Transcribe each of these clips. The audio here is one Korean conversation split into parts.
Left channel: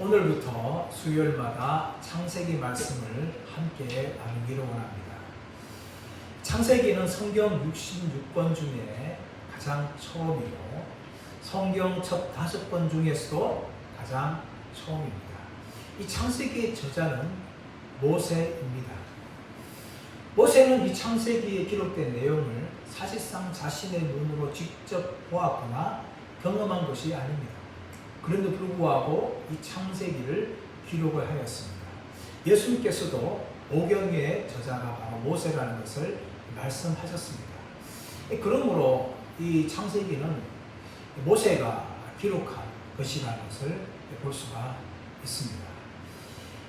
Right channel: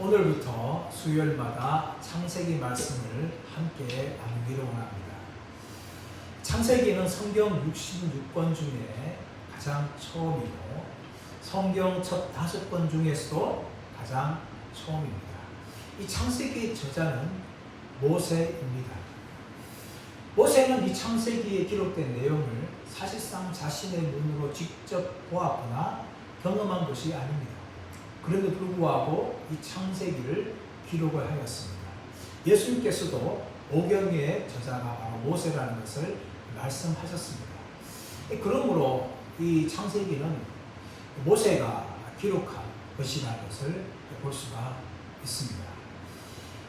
오늘부터 수요일마다 창세기 말씀을 함께 나누기를 원합니다. 창세기는 성경 66권 중에 가장 처음이고 성경 첫 5권 중에서도 가장 처음입니다. 이 창세기의 저자는 모세입니다. 모세는 이 창세기에 기록된 내용을 사실상 자신의 눈으로 직접 보았거나 경험한 것이 아닙니다. 그런데도 불구하고 이 창세기를 기록을 하였습니다. 예수님께서도 오경의 저자가 바로 모세라는 것을 말씀하셨습니다. 그러므로 이 창세기는 모세가 기록한 것이라는 것을 볼 수가 있습니다.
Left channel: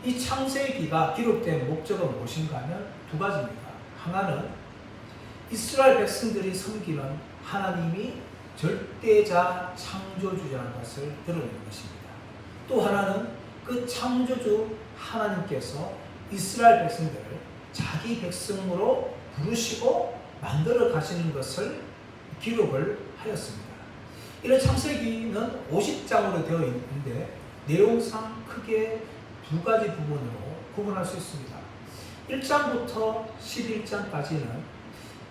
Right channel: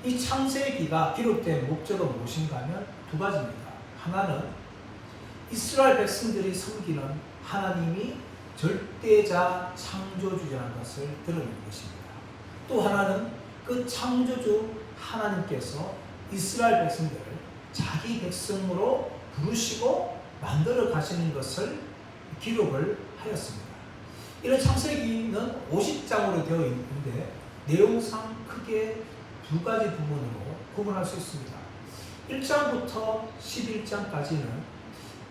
이 창세기가 기록된 목적은 무엇인가 하면 두 가지입니다. 하나는 이스라엘 백성들이 섬기는 하나님이 절대자 창조주라는 것을 드러내는 것입니다. 또 하나는 그 창조주 하나님께서 이스라엘 백성들을 자기 백성으로 부르시고 만들어 가시는 것을 기록을 하였습니다. 이런 창세기는 50장으로 되어 있는데 내용상 크게 두 가지 부분으로 구분할 수 있습니다. 1장부터 11장까지는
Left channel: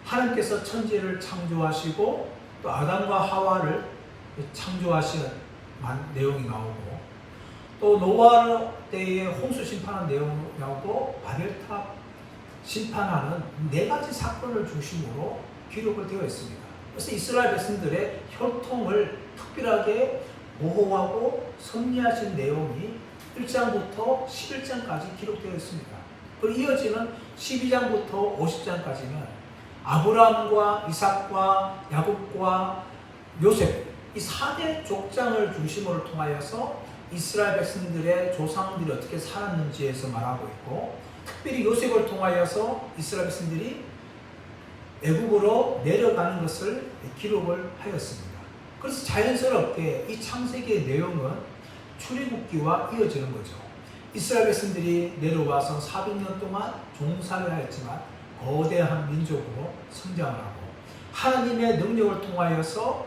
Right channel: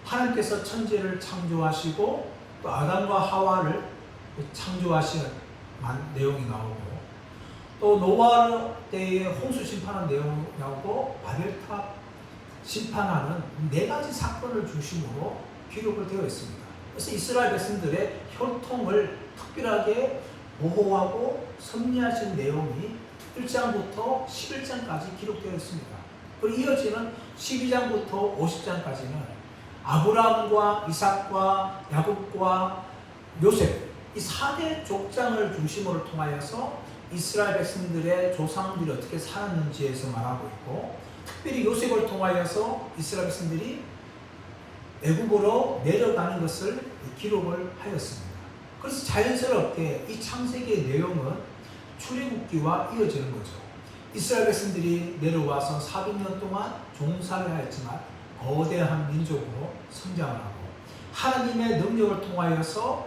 하나님께서 천지를 창조하시고 또 아담과 하와를 창조하시는 내용이 나오고 또 노아 때에 홍수 심판한 내용이 나오고 바벨탑 심판하는 4가지 사건을 중심으로 기록을 되어 있습니다. 그래서 이스라엘 백성들의 혈통을 특별하게 보호하고 섭리하신 내용이 1장부터 11장까지 기록되어 있습니다. 그리고 이어지는 12장부터 50장까지는 아브라함과 이삭과 야곱과 요셉 이 4대 족장을 중심으로 통하여서 이스라엘 백성들의 조상들이 어떻게 살았는지에서 말하고 있고 특별히 요셉을 통하여서 이스라엘 백성들이 애굽으로 내려가는 것을 기록을 하였습니다. 그래서 자연스럽게 이 창세기의 내용은 출애굽기와 이어지는 거죠. 이스라엘 백성들이 내려와서 400년 동안 종살을 하였지만 거대한 민족으로 성장하고 하나님의 능력을 통하여서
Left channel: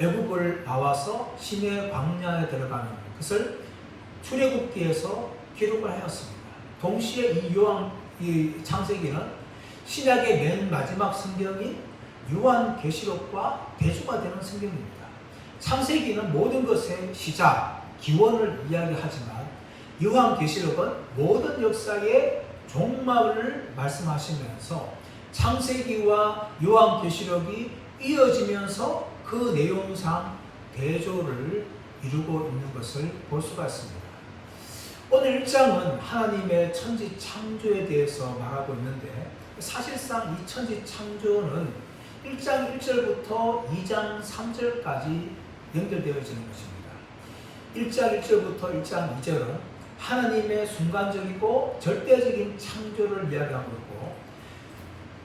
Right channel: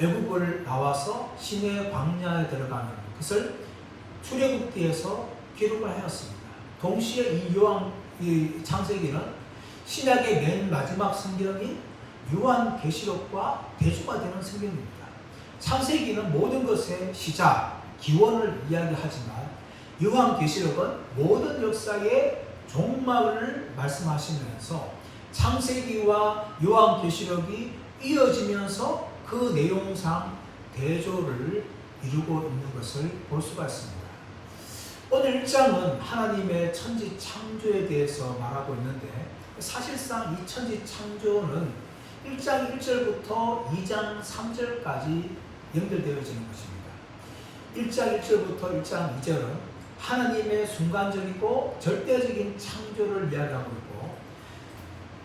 애굽을 나와서 시내 광야에 들어가는 것을 출애굽기에서 기록을 하였습니다. 동시에 이 창세기는 신약의 맨 마지막 성경인 요한계시록과 대조가 되는 성경입니다. 창세기는 모든 것의 시작, 기원을 이야기하지만 요한계시록은 모든 역사의 종말을 말씀하시면서 창세기와 요한계시록이 이어지면서 그 내용상 대조를 이루고 있는 것을 볼 수가 있습니다. 오늘 1장은 하나님의 천지 창조에 대해서 말하고 있는데 사실상 이 천지 창조는 1장 1절부터 2장 3절까지 연결되어지는 것입니다. 1장 1절부터 1장 2절은 하나님의 순간적이고 절대적인 창조를 이야기하고 있고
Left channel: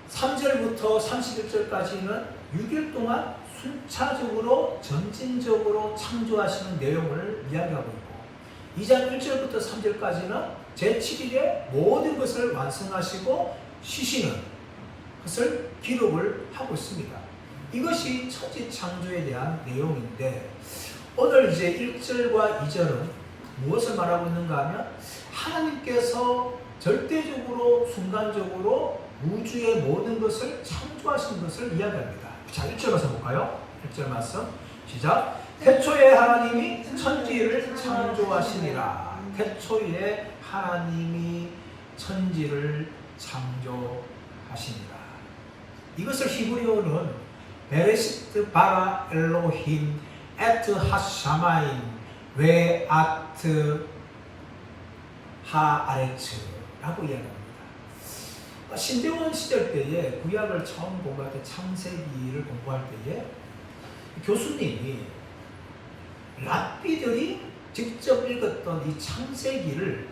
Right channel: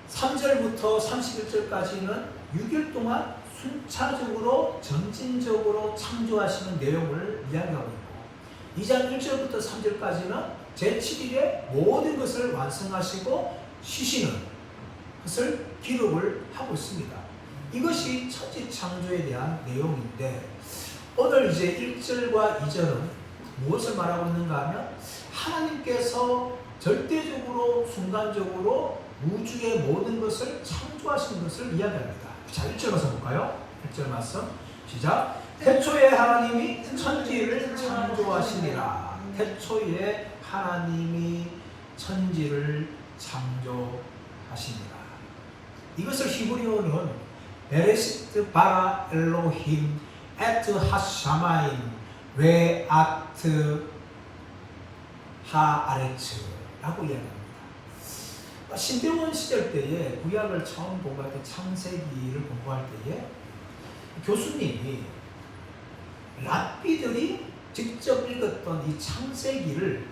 3절부터 31절까지는 6일 동안 순차적으로 전진적으로 창조하시는 내용을 이야기하고 있고 2장 1절부터 3절까지는 제7일에 모든 것을 완성하시고 쉬시는 것을 기록을 하고 있습니다. 이것이 천지 창조에 대한 내용인데 오늘 이제 1절과 2절은 무엇을 말하고 있는가 하면 하나님께서 절대적으로 순간적으로 우주의 모든 것을 창조하신 것을 이야기합니다. 자, 1절 가서 볼까요? 1절 말씀 시작. 태초에 하나님이 천지를 창조하시니라. 태초에 하나님이 천지를 창조하시니라. 이것을 히브리어는 베레시트 바라 엘로힘 에트 하샤마인 왜 아트 하아레츠라고 이야기합니다. 신대원 시절 때에 구약을 처음 공부할 때 창세기를 공부할 때에 교수님이 랍비들이 직접 읽었던 이 창세기를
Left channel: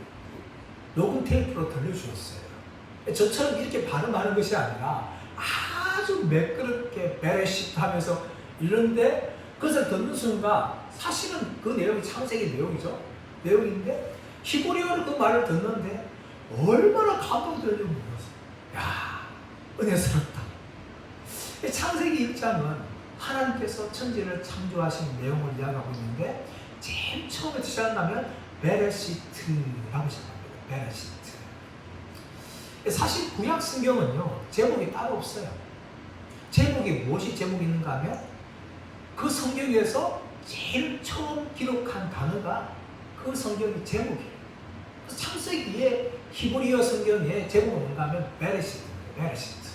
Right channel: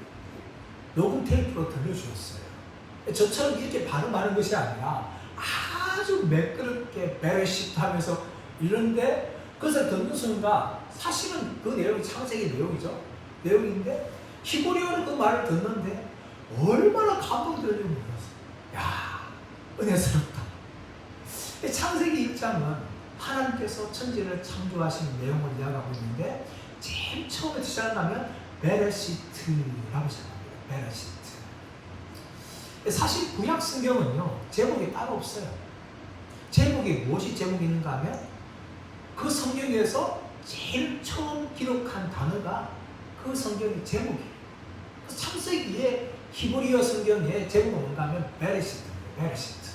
녹음 테이프로 들려주었어요. 저처럼 이렇게 발음하는 것이 아니라 아주 매끄럽게 베레시트 하면서 이런데 그것을 듣는 순간 사실은 그 내용이 창세기 내용인데 히브리어로 그 말을 듣는데 얼마나 감동되는지 몰랐어요. 야, 은혜스럽다. 창세기 1장은 하나님께서 천지를 창조하신 내용을 이야기하고 있는데 제일 처음에 시작하면 베레시트라고 시작합니다. 베레시트. 사실 구약 성경은요, 제목이 따로 없어요. 제목이 무엇이 제목이 있는가 하면 그 성경에서 제일 처음 기록한 단어가 그 성경의 제목이에요. 창세기의 히브리어 성경의 제목은 뭔가 하면 베레시트입니다. 베레시트.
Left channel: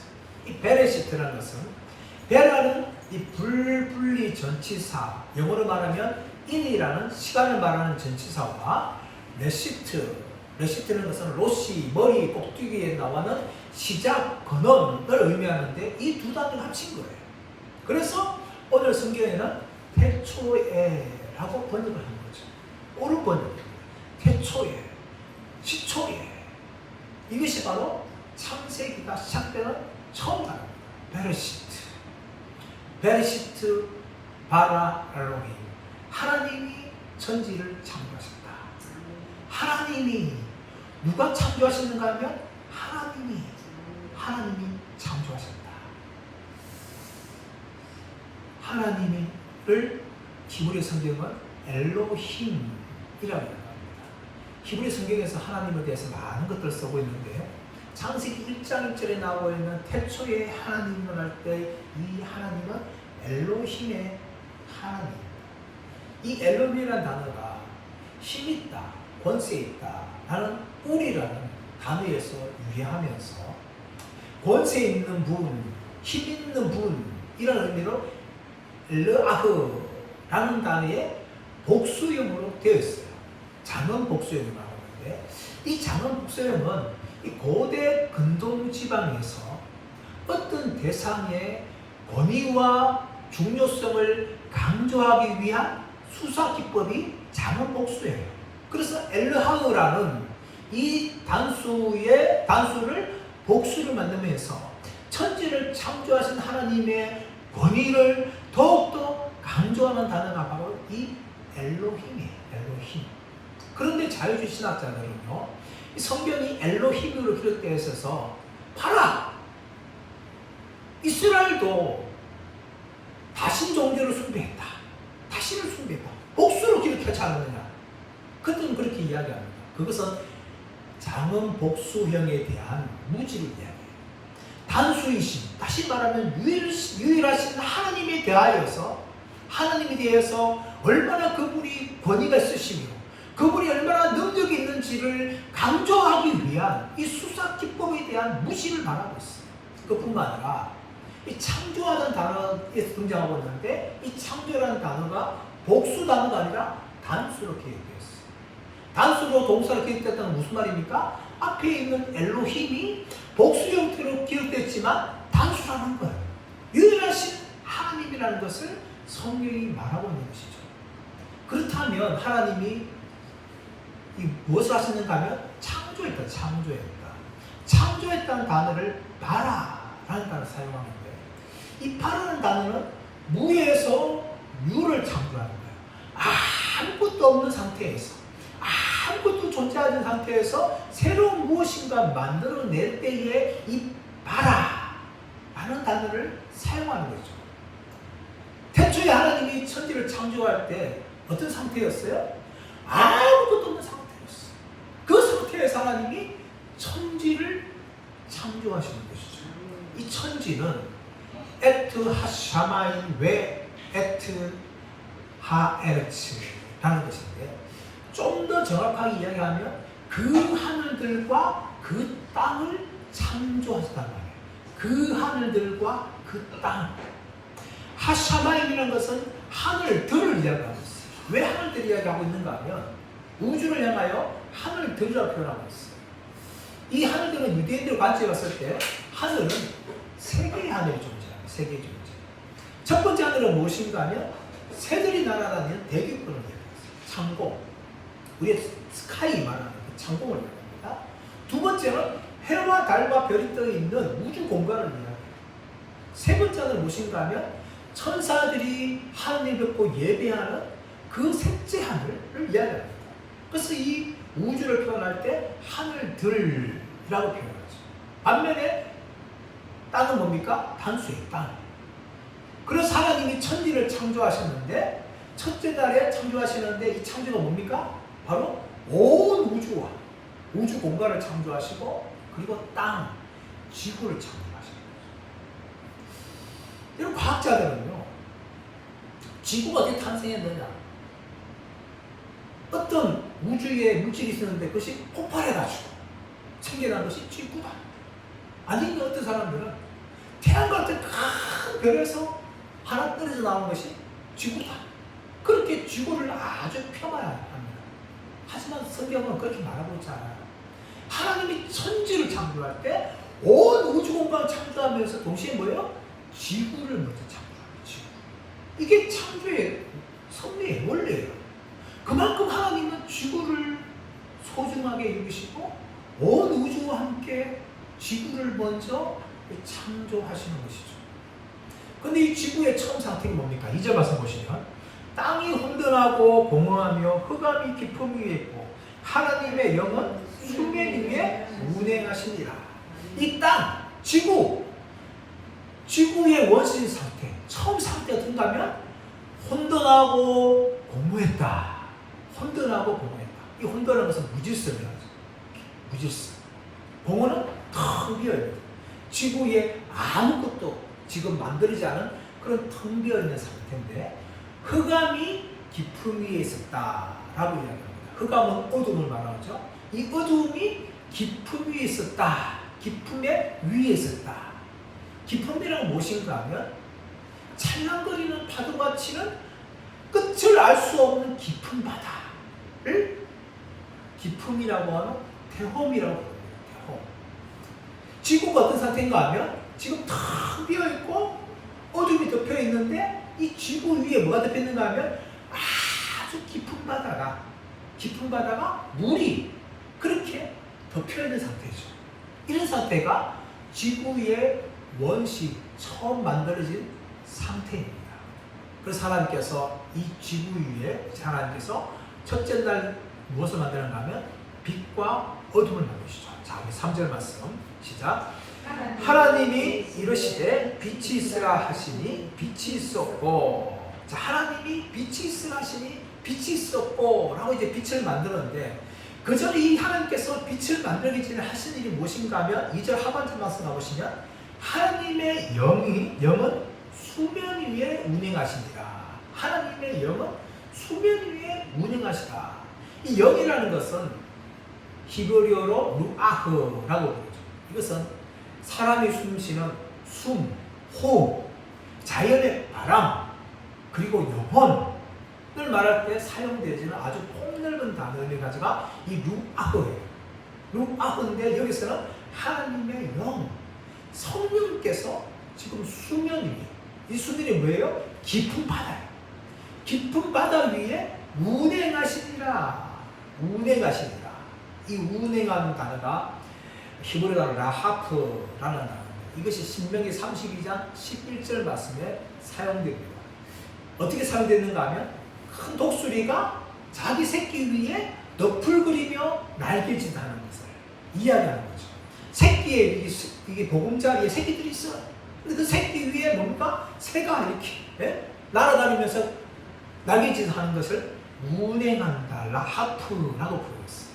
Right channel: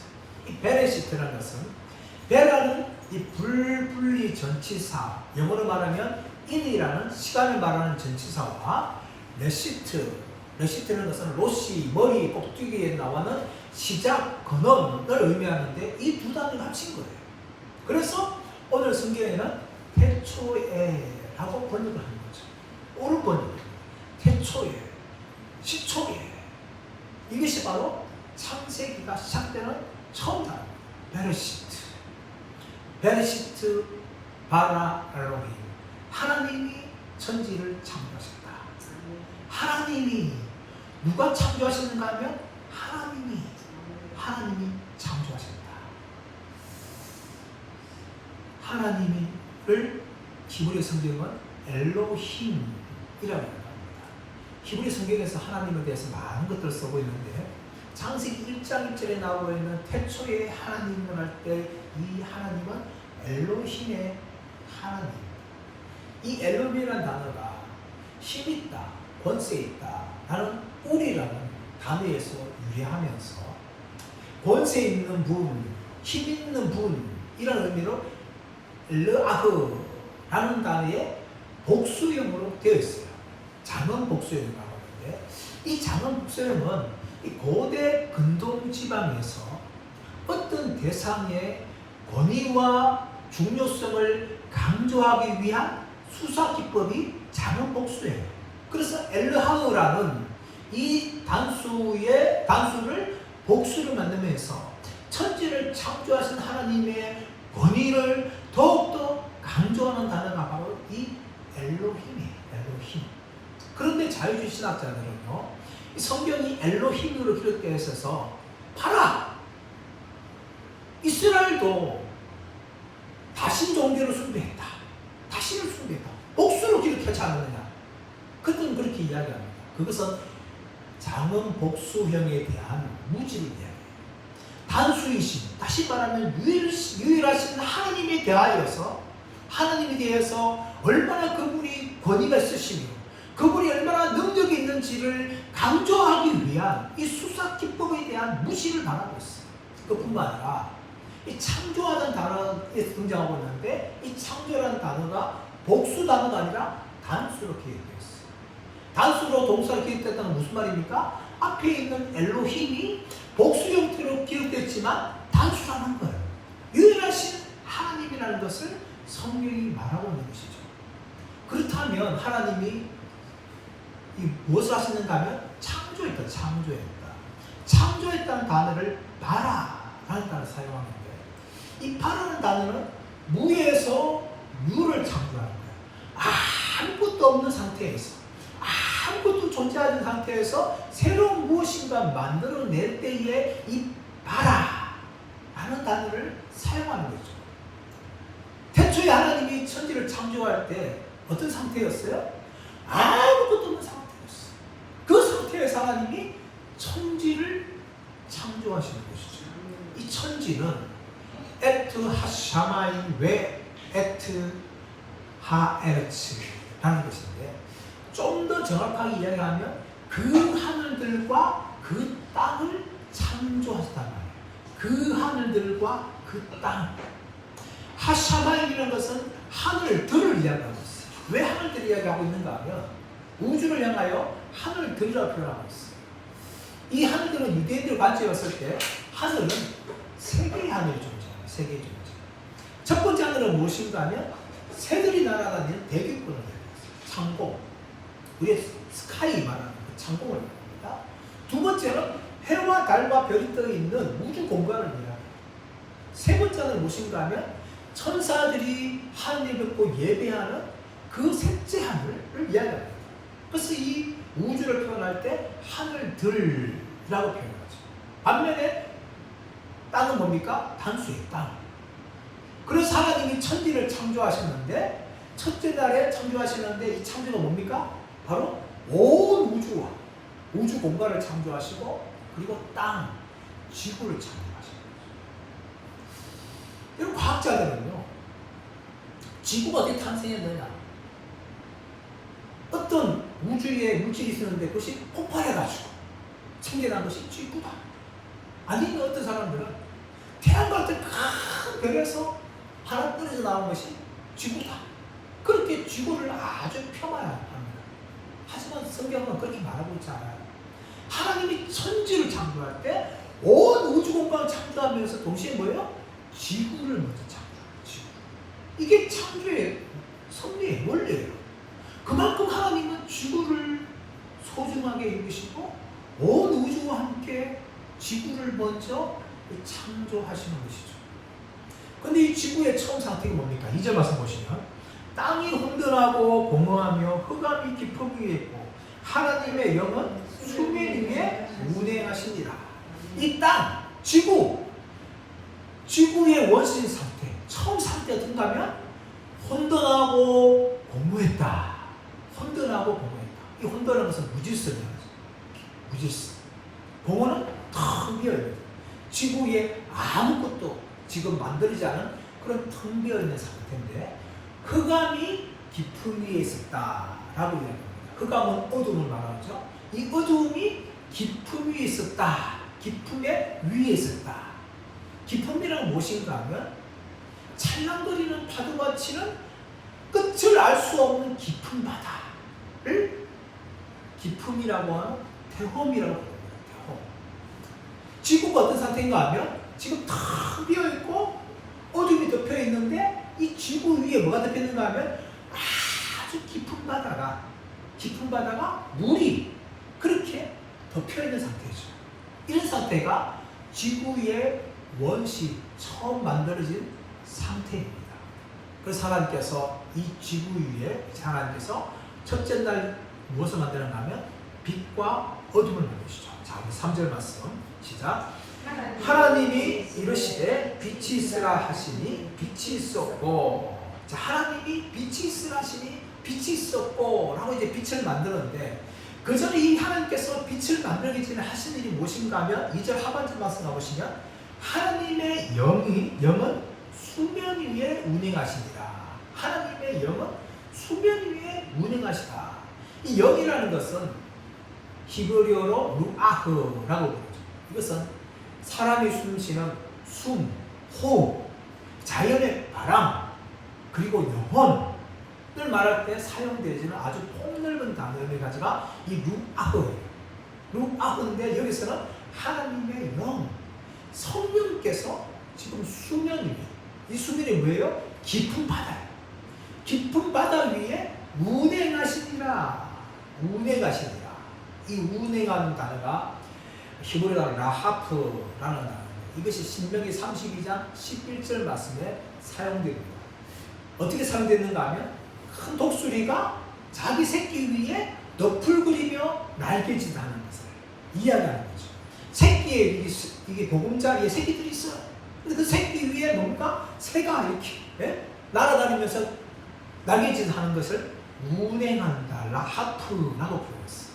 이 베레시트라는 것은, 베라는 이 불분리 전치사, 영어로 말하면 in이라는 시간을 말하는 전치사와 레시트는 것은 로시, 머리, 꼭두기에 나와는 시작, 근원을 의미하는데 이 두 단어를 합친 거예요. 그래서 오늘 성경에는 태초에라고 번역을 하는 거죠. 옳은 번역입니다. 태초에, 시초에. 이것이 바로 창세기가 시작되는 처음 단어입니다. 베레시트. 베레시트 바라 엘로힘. 하나님이 천지를 창조하셨다. 하나님이, 누가 창조하셨는가 하면 하나님이 창조하셨다. 하나님을 히브리 성경은 엘로힘이라고 합니다. 히브리 성경에서 하나님에 대해서 많은 것들을 쓰고 있는데, 창세기 1장 1절에 나오고 있는 태초에 하나님을 할 때 이 하나님은 엘로힘의 하나님. 이 엘로힘이라는 단어가 힘있다, 권세있다 라는 우리라는 단어에서 유래하면서 권세 있는 분, 힘 있는 분 이런 의미로 르아흐라는 단어의 복수형으로 되어 있어요. 장원 복수형이라고 하는데, 이 장원 복수형은 이 고대 근동 지방에서 어떤 대상의 권위와 중요성을 강조하기 위한 수사 기법이 장원 복수예요. 그래서 엘르하흐라는 이 단수를 복수를 만들면서 천지를 창조하신 하나님의 권위를 더욱더 강조하는 단어가 바로 이 엘로힘이에요. 엘로힘. 그런데 자유주의 신학자들은요, 이 성경이 엘로힘으로 기록되어 있어서 봐라! 이스라엘도 다신 종교를 숭배했다. 다신을 숭배했다. 복수로 기록하지 않느냐. 그들은 그렇게 이야기합니다. 그것은 장원 복수형에 대한 무지를 이야기해요. 단수이신, 다시 말하면 유일하신 하나님에 대하여서, 하나님에 대해서 얼마나 그분이 권위가 있으시며 그분이 얼마나 능력이 있는지를 강조하기 위한 이 수사 기법에 대한 무시를 말하고 있어요. 그뿐만 아니라 이 창조하는 단어에 등장하고 있는데, 이 창조라는 단어가 복수 단어가 아니라 단수로 기억되어 있어요. 단수로 동사로 기억됐다는 무슨 말입니까? 앞에 있는 엘로힘이 복수 형태로 기록됐지만 단수라는 거예요. 유일하신 하나님이라는 것을 성경이 말하고 있는 것이죠. 그렇다면 하나님이 무엇을 하시는가 하면 창조했다. 창조했다는 단어를 바라라는 단어를 사용하는데, 이 바라는 단어는 무에서 유를 창조하는 거예요. 아무것도 없는 상태에서, 아무것도 존재하지 않는 상태에서 새로운 무엇인가 만들어낼 때에 이 바라라는 단어를 사용하는 거죠. 태초에 하나님이 천지를 창조할 때 어떤 상태였어요? 아무것도 없는 상태였어요. 그 상태에서 하나님이 천지를 창조하시는 것이죠. 이 천지는 에트 하샤마인 웨 에트 하에르츠라는 것인데, 좀 더 정확하게 이야기하면 그 하늘들과 그 땅을 창조하셨단 말이에요. 그 하늘들과 그 땅. 하샤마인이라는 것은 하늘들을 이야기하고 있어요. 왜 하늘들을 이야기하고 있는가 하면 우주를 향하여 하늘들이라고 표현하고 있어요. 이 하늘들은 유대인들 관점이었을 때 하늘은 세 개의 하늘이 존재해요. 세 개의 존재. 첫 번째 하늘은 무엇인가 하면 새들이 날아다니는 대기권을 얘기해요. 창공. 우리의 스카이 말하는 그 창공을 얘기합니다. 두 번째는 해와 달과 별이 떠 있는 우주 공간을 얘기해요. 세 번째는 무엇인가 하면 천사들이 하늘을 뵙고 예배하는 그 셋째 하늘을 이야기합니다. 그래서 이 우주를 표현할 때 하늘들이라고 표현하죠. 반면에 땅은 뭡니까? 단수의 땅. 그래서 하나님이 천지를 창조하셨는데, 첫째 날에 창조하시는데 이 창조가 뭡니까? 바로 우주 공간을 창조하시고 그리고 땅, 지구를 창조하시는 거죠. 이런 과학자들은요, 지구가 어떻게 탄생했느냐? 어떤 우주에 물질이 있었는데 그것이 폭발해가지고 생겨난 것이 지구다. 아니면 어떤 사람들은 태양과 같은 큰 별에서 하나 떨어져 나온 것이 지구다. 그렇게 지구를 아주 폄하합니다. 하지만 성경은 그렇게 말하고 있지 않아요. 하나님이 천지를 창조할 때 온 우주 공간을 창조하면서 동시에 뭐예요? 지구를 먼저 창조해요. 지구. 이게 창조의 섭리의 원리예요. 그만큼 하나님은 지구를 소중하게 여기시고 온 우주와 함께 지구를 먼저 창조하시는 것이죠. 근데 이 지구의 처음 상태가 뭡니까? 2절 말씀 보시면 땅이 혼돈하고 공허하며 흑암이 깊음 위에 있고 하나님의 영은 수면 위에 운행하시니라. 이 땅, 지구, 지구의 원시 상태, 처음 상태가 어떤가 하면 혼돈하고 공허했다. 혼돈하고 공허했다. 이 혼돈하는 것은 무질서예요. 무질서. 공허는 텅 비어있는, 지구에 아무것도 지금 만들어지지 않은 그런 텅 비어있는 상태인데 흑암이 깊음 위에 있었다라고 이야기합니다. 흑암은 어둠을 말하죠. 이 어둠이 깊음 위에 있었다. 깊음의 위에 있었다. 깊음이란 무엇인가 하면 찰랑거리는 파도가 치는 끝을 알 수 없는 깊은 바다를 깊음이라고 하는 태홈이라고 부릅니다. 태홈. 지구가 어떤 상태인가 하면 지금 텅 비어있고 어둠이 덮여 있는데 이 지구 위에 뭐가 덮여 있는가 하면 아주 깊은 바다가 물이 그렇게 덮여 있는 상태죠. 이런 상태가 지구의 원시 처음 만들어진 상태입니다. 그래서 하나님께서 이 지구 위에 하나님께서 첫째 날 무엇을 만드는가 하면 빛과 어둠을 만드시죠. 자, 우리 3절 말씀 시작. 하나님이 이르시되 빛이 있으라 하시니 빛이 있었고. 자, 하나님이 빛이 있으라 하시니 빛이 있었고 라고 이제 빛을 만들었는데 그 전에 이 하나님께서 빛을 만들기 전에 하신 일이 무엇인가 하면 2절 하반절 말씀 가보시면 하나님의 영은 수면 위에 운행하시니라. 하나님의 영은 수면 위에 운행하시다. 이 영이라는 것은 히브리어로 루아흐라고 부르죠. 이것은 사람이 숨쉬는 숨, 호흡, 자연의 바람, 그리고 영혼을 말할 때 사용되어지는 아주 폭넓은 단어를 가져가 이 루아흐예요. 루아흐인데 여기서는 하나님의 영, 성령께서 지금 수면 위에, 이 수면이 뭐예요? 깊은 바다예요. 깊은 바다 위에 운행하시니라. 운행하시니라. 이 운행하는 단어가 히브리 단어 라하프라는 단어입니다. 이것이 신명기 32장 11절 말씀에 사용됩니다. 어떻게 사용됐는가 하면 큰 독수리가 자기 새끼 위에 넋을 그리며 날개짓하는 것을 이야기하는 거죠. 새끼에 이게 보금자리에 새끼들이 있어요. 근데 그 새끼 위에 뭔가 새가 이렇게 날아다니면서 날개짓하는 것을 운행한다, 라하프라고 부르었어요.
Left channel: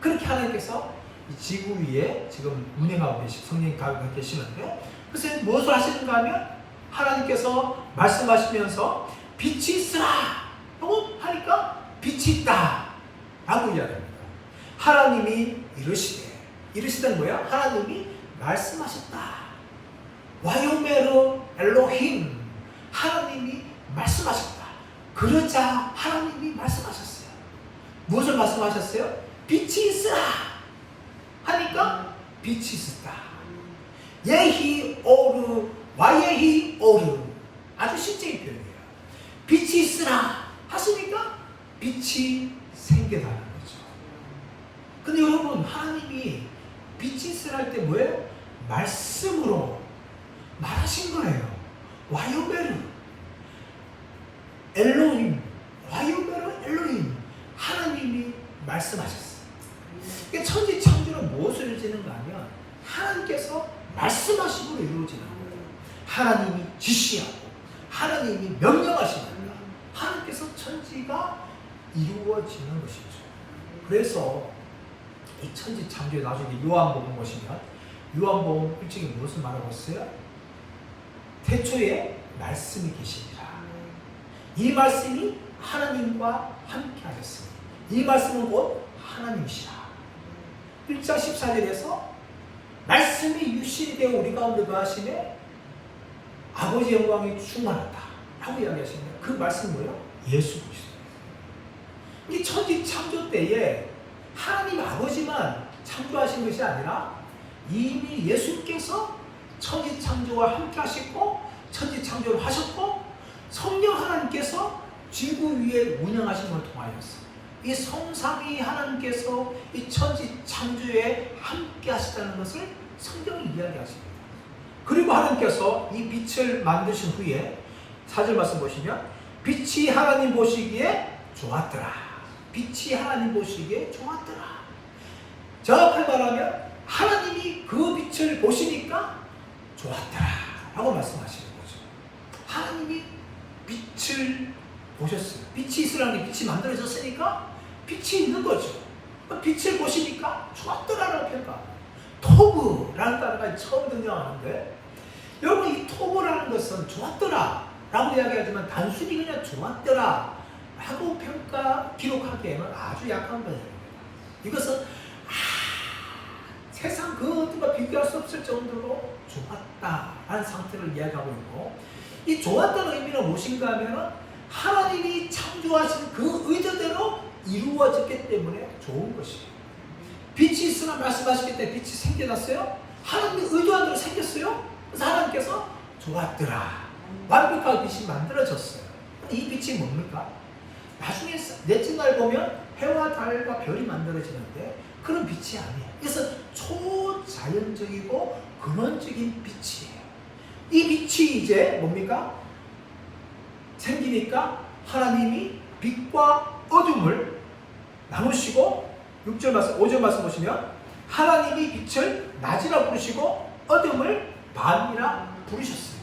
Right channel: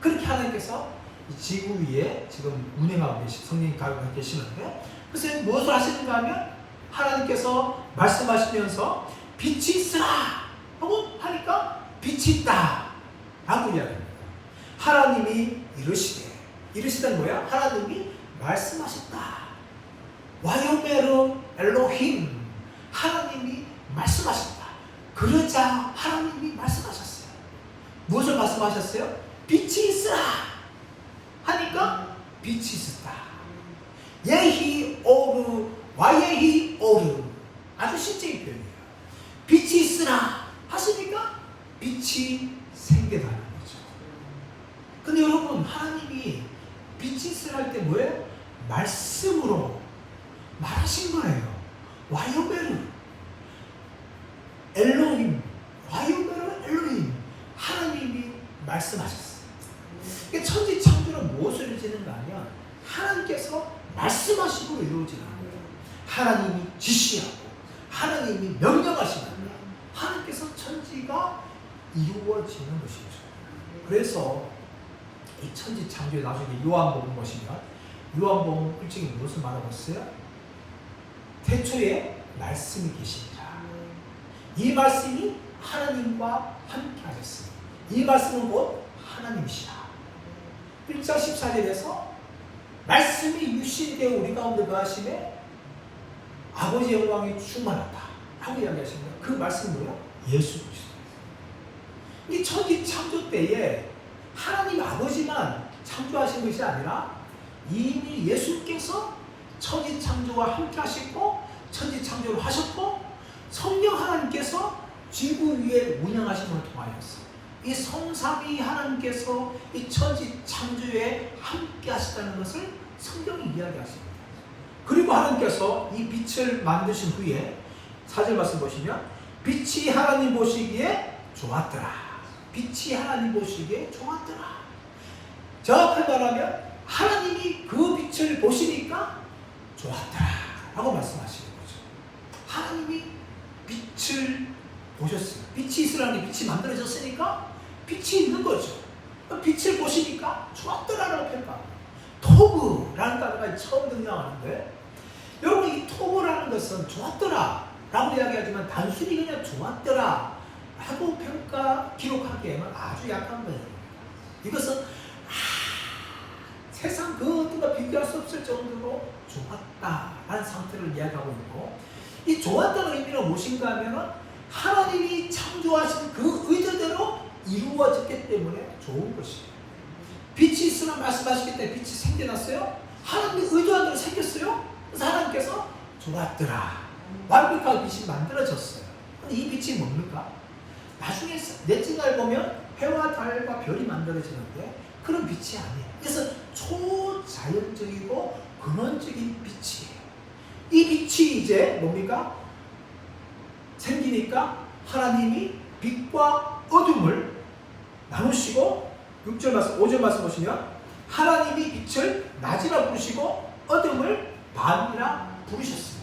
그렇게 하나님께서 이 지구 위에 지금 운행하고 성령이 가고 계시는데, 그래서 무엇을 하시는가 하면 하나님께서 말씀하시면서 빛이 있으라 하고 하니까 빛이 있다 라고 이야기합니다. 하나님이 이르시던 뭐야? 하나님이 말씀하셨다. 와요메르 엘로힘, 하나님이 말씀하셨다. 그러자 하나님이 말씀하셨어요. 무엇을 말씀하셨어요? 빛이 있으라 하니까 빛이 있었다. 예히 오르 와예히 오르, 아주 실제의 표현이에요. 빛이 있으라 하시니까 빛이 생겨나는 거죠. 근데 여러분, 하나님이 빛이 있으라 할 때 뭐예요? 말씀으로 말하신 거예요. 와요메르 엘로힘, 와요메르 엘로힘, 하나님이 말씀하셨어요. 그러니까 천지 창조는 무엇을 이루어지는가 하면 하나님께서 말씀하시고 이루어지는 거예요. 하나님이 지시하고 하나님이 명령하시는 거예요. 하나님께서 천지가 이루어지는 것이죠. 그래서 이 천지창조에 나중에 요한복음 보시면 요한복음 1장이 무엇을 말하고 있어요? 태초에 말씀이 계십니다. 이 말씀이 하나님과 함께 하셨습니다. 이 말씀은 곧 하나님이시다. 1장 14절에서 말씀이 육신되어 우리 가운데 거하심에 아버지 영광이 충만하다 라고 이야기하십니다. 그 말씀이 뭐예요? 예수 그리스도. 이 천지 창조 때에 하나님 아버지만 창조하신 것이 아니라 이미 예수께서 천지 창조와 함께 하셨고 천지 창조를 하셨고 성령 하나님께서 지구 위에 운영하심을 통하였어요. 이 성삼위 하나님께서 이 천지 창조에 함께 하시다는 것을 성경이 이야기하십니다. 그리고 하나님께서 이 빛을 만드신 후에 4절 말씀 보시면 빛이 하나님 보시기에 좋았더라. 빛이 하나님 보시기에 좋았더라. 정확히 말하면 하나님이 그 빛을 보시니까 좋았더라 라고 말씀하시는 거죠. 하나님이 빛을 보셨어요. 빛이 있으라는 게 빛이 만들어졌으니까 빛이 있는 거죠. 빛을 보시니까 좋았더라라고 표현합니다. 토브라는 단어가 처음 등장하는데 여러분 이 토브라는 것은 좋았더라 라고 이야기하지만 단순히 그냥 좋았더라 라고 기록하기에는 아주 약한 거예요. 이것은 세상 그 어떤가 비교할 수 없을 정도로 좋았다라는 상태를 이야기하고 있고 이 좋았다는 의미는 무엇인가 하면 하나님이 창조하신 그 의도대로 이루어졌기 때문에 좋은 것이에요. 빛이 있으나 말씀하시기 때문에 빛이 생겨났어요. 하나님이 의도한 대로 생겼어요. 그래서 하나님께서 좋았더라. 완벽한 빛이 만들어졌어요. 이 빛이 뭡니까? 나중에 넷째 날 보면 해와 달과 별이 만들어지는데 그런 빛이 아니에요. 그래서 초자연적이고 근원적인 빛이에요. 이 빛이 이제 뭡니까? 생기니까 하나님이 빛과 어둠을 나누시고 6절 말씀, 5절 말씀 보시면 하나님이 빛을 낮이라 부르시고 어둠을 밤이라 부르셨어요.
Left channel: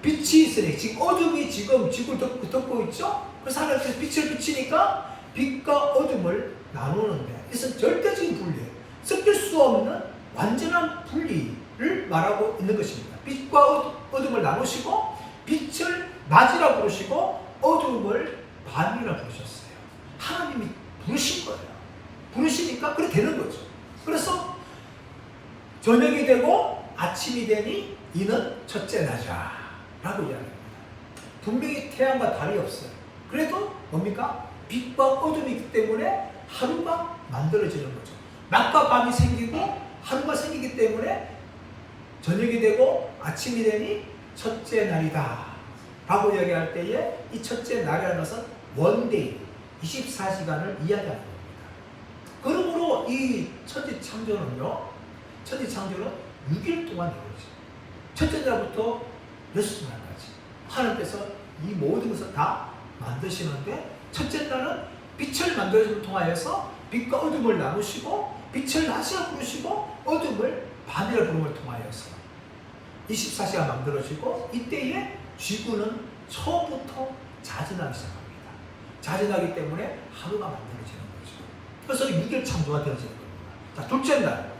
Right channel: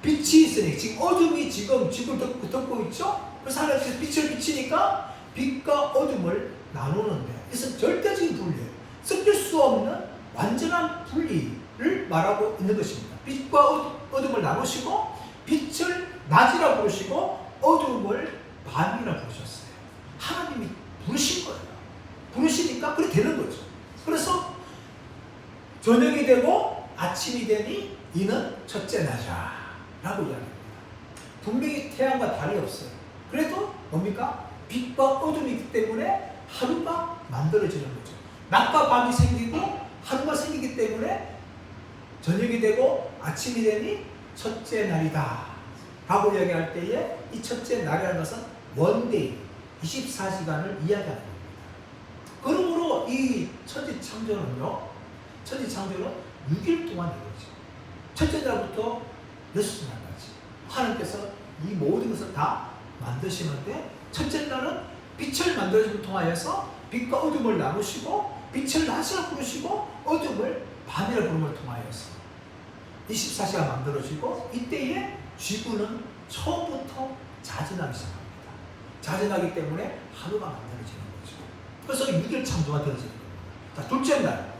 빛이 있으니 지금 어둠이 지금 지구를 덮고 있죠? 그래서 하나님께서 빛을 비치니까 빛과 어둠을 나누는 거예요. 그래서 절대적인 분리예요. 섞일 수 없는 완전한 분리를 말하고 있는 것입니다. 빛과 어둠을 나누시고 빛을 낮이라 부르시고 어둠을 밤이라 부르셨어요. 하나님이 부르신 거예요. 부르시니까 그렇게 되는 거죠. 그래서 저녁이 되고 아침이 되니 이는 첫째 날이라 라고 이야기합니다. 분명히 태양과 달이 없어요. 그래도 뭡니까? 빛과 어둠이 있기 때문에 하루가 만들어지는 거죠. 낮과 밤이 생기고 하루가 생기기 때문에 저녁이 되고 아침이 되니 첫째 날이다 라고 이야기할 때에 이 첫째 날이라는 것은 원데이 24시간을 이야기하는 겁니다. 그러므로 이 천지 창조는 6일 동안 이루어져요. 첫째 날부터 여섯째 날까지 하나님께서 이 모든 것을 다 만드시는데 첫째 날은 빛을 만들어줌을 통하여서 빛과 어둠을 나누시고 빛을 낮이라 부르시고 어둠을 밤이라 부름을 통하여서 24시간 만들어지고 이때에 지구는 처음부터 자전하기 시작합니다. 자전하기 때문에 하루가 만들어지는 거죠. 그래서 6일 창조가 되어지는 겁니다. 자, 둘째 날.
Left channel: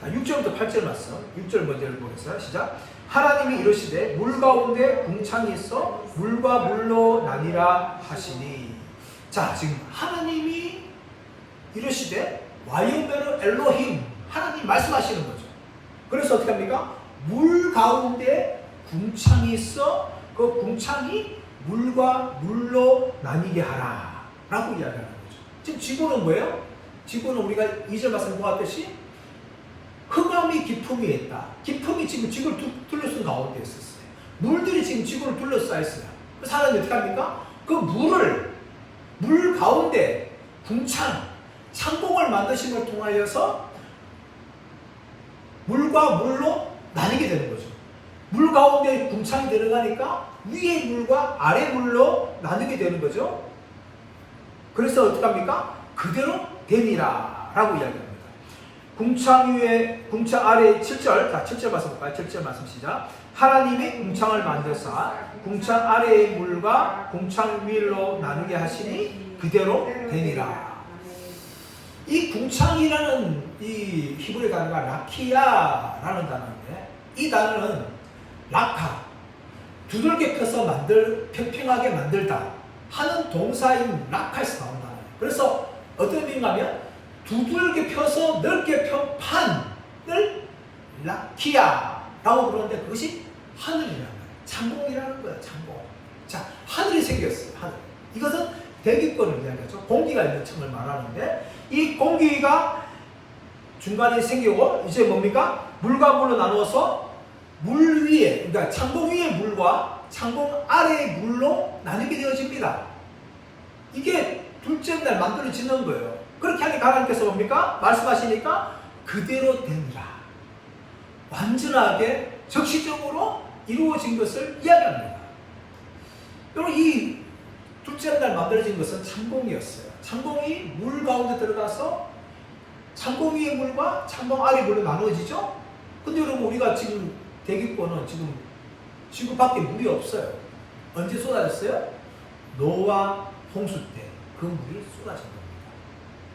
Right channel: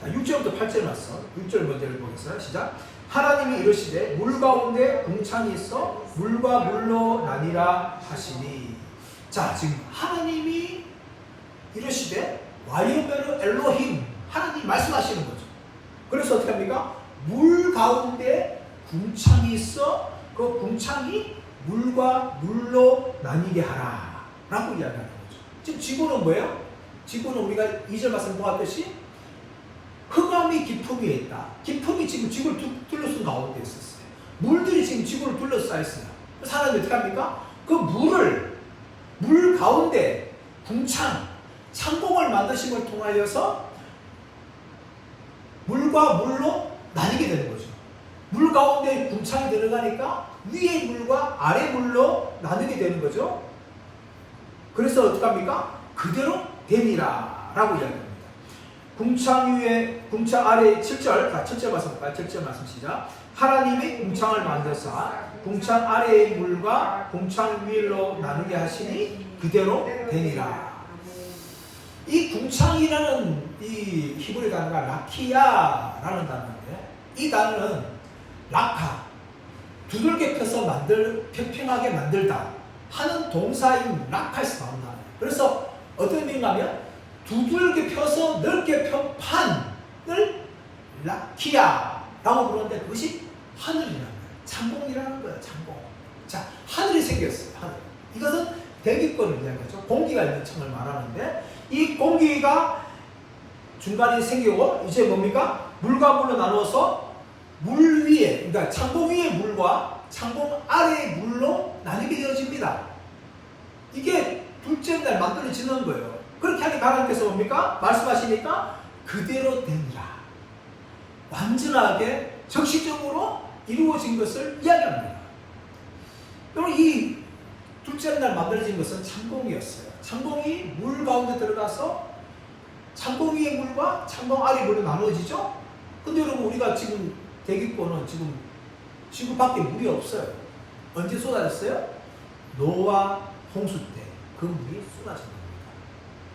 자, 6절부터 8절 말씀. 6절 먼저 보겠어요. 시작. 하나님이 이르시되 물 가운데 궁창이 있어 물과 물로 나뉘라 하시니. 자, 지금 하나님이 이르시되 와요메르 엘로힘 하나님이 말씀하시는 거죠. 그래서 어떻게 합니까? 물 가운데 궁창이 있어 그 궁창이 물과 물로 나뉘게 하라 라고 이야기하는 거죠. 지금 지구는 뭐예요? 지구는 우리가 2절 말씀 보았듯이 흑암이 깊음이 있다. 깊음이 지금 지구를 둘러싼 가운데 있었어요. 물들이 지금 지구를 둘러싸여 있어요. 그래서 하나님이 어떻게 합니까? 그 물 가운데 창공을 만드심을 통하여서 물과 물로 나뉘게 되는 거죠. 물 가운데 궁창이 들어가니까 위의 물과 아래 물로 나누게 되는 거죠. 그래서 어떻게 합니까? 그대로 되니라 라고 이야기합니다. 궁창 위에 궁창 아래 7절 7절 말씀 볼까요? 7절 말씀 시작. 하나님이 궁창을 만드사 궁창 아래의 물과 궁창 위로 나누게 하시니 그대로 되니라. 이 궁창이라는 이 히브리 단어가 라키야라는 단어인데, 이 단어는 라카, 두들겨 펴서 평평하게 만들다 하는 동사인 라카에서 나온 단어예요. 그래서 어떤 의미인가 하면 두들겨 펴서 넓게 편 판을 라키야라고 부르는데, 그것이 하늘이라는 거예요. 창공이라는 거예요. 창공. 자, 하늘이 생겼어요. 하늘. 이것은 대기권을 이야기하죠. 공기가 있는 층을 말하는데, 이 공기가 중간에 생기고 이제 뭡니까? 물과 물로 나누어서 물 위에, 그러니까 창공 위의 물과 창공 아래의 물로 나뉘게 되어집니다. 이게 둘째 날 만들어지는 거예요. 그렇게 하니 하나님께서 뭡니까? 말씀하시니까 그대로 되니라. 완전하게 적시적으로 이루어진 것을 이야기합니다. 여러분, 이 둘째 날 만들어진 것은 창공이었어요. 창공이 물 가운데 들어가서 창공 위의 물과 창공 아래 물로 나누어지죠? 근데 여러분, 우리가 지금 대기권은 지금 지구 밖에 물이 없어요. 언제 쏟아졌어요? 노아 홍수 때 그 물이 쏟아진 겁니다.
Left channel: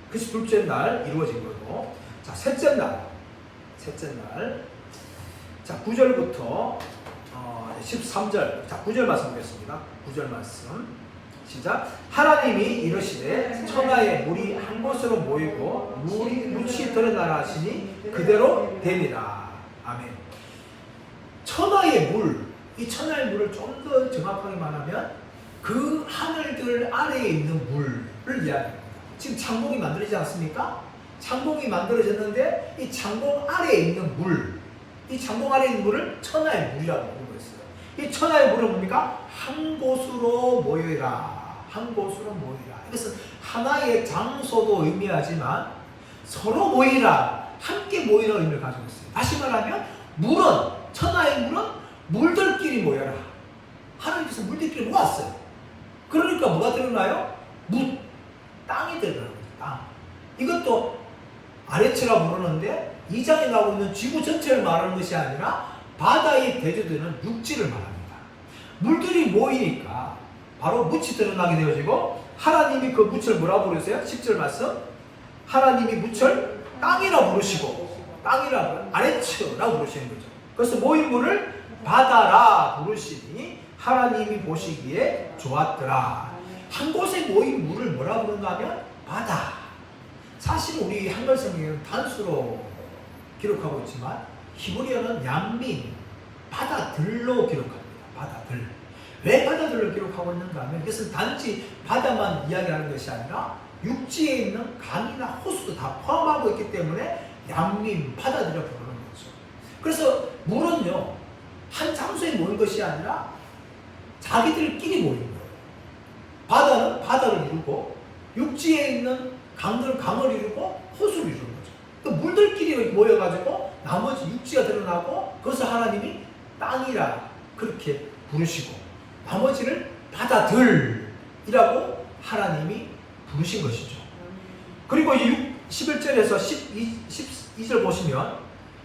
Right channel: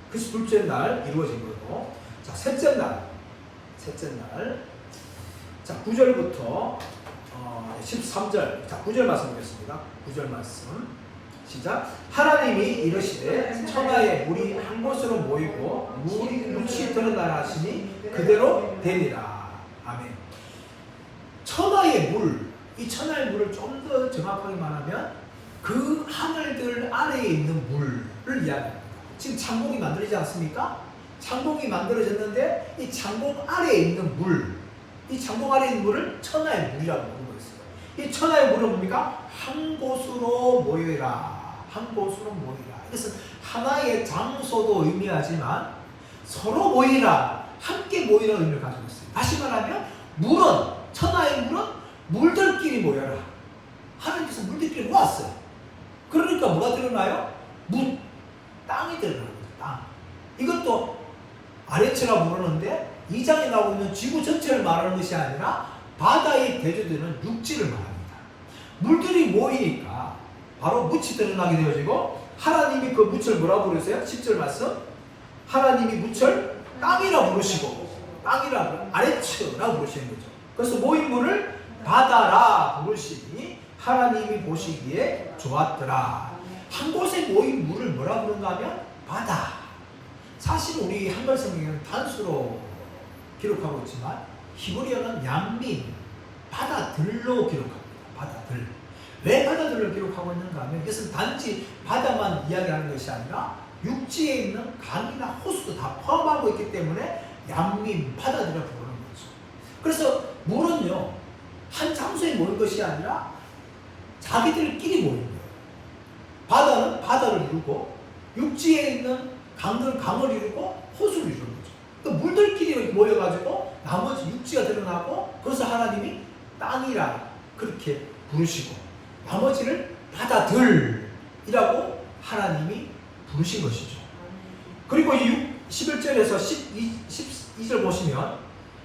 그것이 둘째 날 이루어진 거고, 자, 셋째 날. 자, 9절부터 13절. 자, 9절 말씀 보겠습니다. 9절 말씀. 시작. 하나님이 이르시되 천하의 물이 한 곳으로 모이고 물이 묻히 드러나라 하시니 그대로 되리라. 아멘. 천하의 물, 이 천하의 물을 좀 더 정확하게 말하면 그 하늘들 아래에 있는 물을 이야기합니다. 지금 창공이 만들어지지 않습니까? 창공이 만들어졌는데 이 창공 아래에 있는 물, 이 창공 아래에 있는 물을 천하의 물이라고 부르고 있어요. 이 천하의 물은 뭡니까? 한 곳으로 모여라. 한 곳으로 모이라. 이것은 하나의 장소도 의미하지만 서로 모이라, 함께 모이라 의미를 가지고 있어요. 다시 말하면 물은, 천하의 물은 물들끼리 모여라. 하나님께서 물들끼리 모았어요. 그러니까 뭐가 들어나요? 물, 땅이 들어가는 거죠. 땅. 이것도 아래처라고 부르는데, 이 장에 나오고 있는 지구 전체를 말하는 것이 아니라 바다에 대조되는 육지를 말합니다. 물들이 모이니까 바로 묻이 드러나게 되어지고, 하나님이 그 묻을 뭐라고 부르세요? 10절 말씀. 하나님이 묻을 땅이라 부르시고, 땅이라고 아래처라고 부르시는 거죠. 그래서 모인 물을 바다라 부르시니 하나님이 보시기에 좋았더라. 한 곳에 모인 물을 뭐라 부른가 하면 바다. 사실 우리 한글 성경에는 단수로 기록하고 있지만 히브리어는 얌민, 바다들로 기록합니다. 바다들. 왜 바다들로 기록하고 있는가 하면 이것은 단지 바다만 이야기하는 것이 아니라 육지에 있는 강이나 호수도 다 포함하고 있기 때문에 얌민, 바다들을 부르는 거죠. 그래서 물은요, 한 장소에 모인 것이 아니라 자기들끼리 모이는 거예요. 바다는 바다를 이루고, 육지에 있는 강들은 강을 이루고, 호수를 이루는 거죠. 그 물들끼리 모여가지고 나머지 육지가 드러나고, 그래서 하나님이 땅이라 그렇게 부르시고, 나머지를 바다들이라고 하나님이 부르신 것이죠. 그리고 이 11절에서 12절 보시면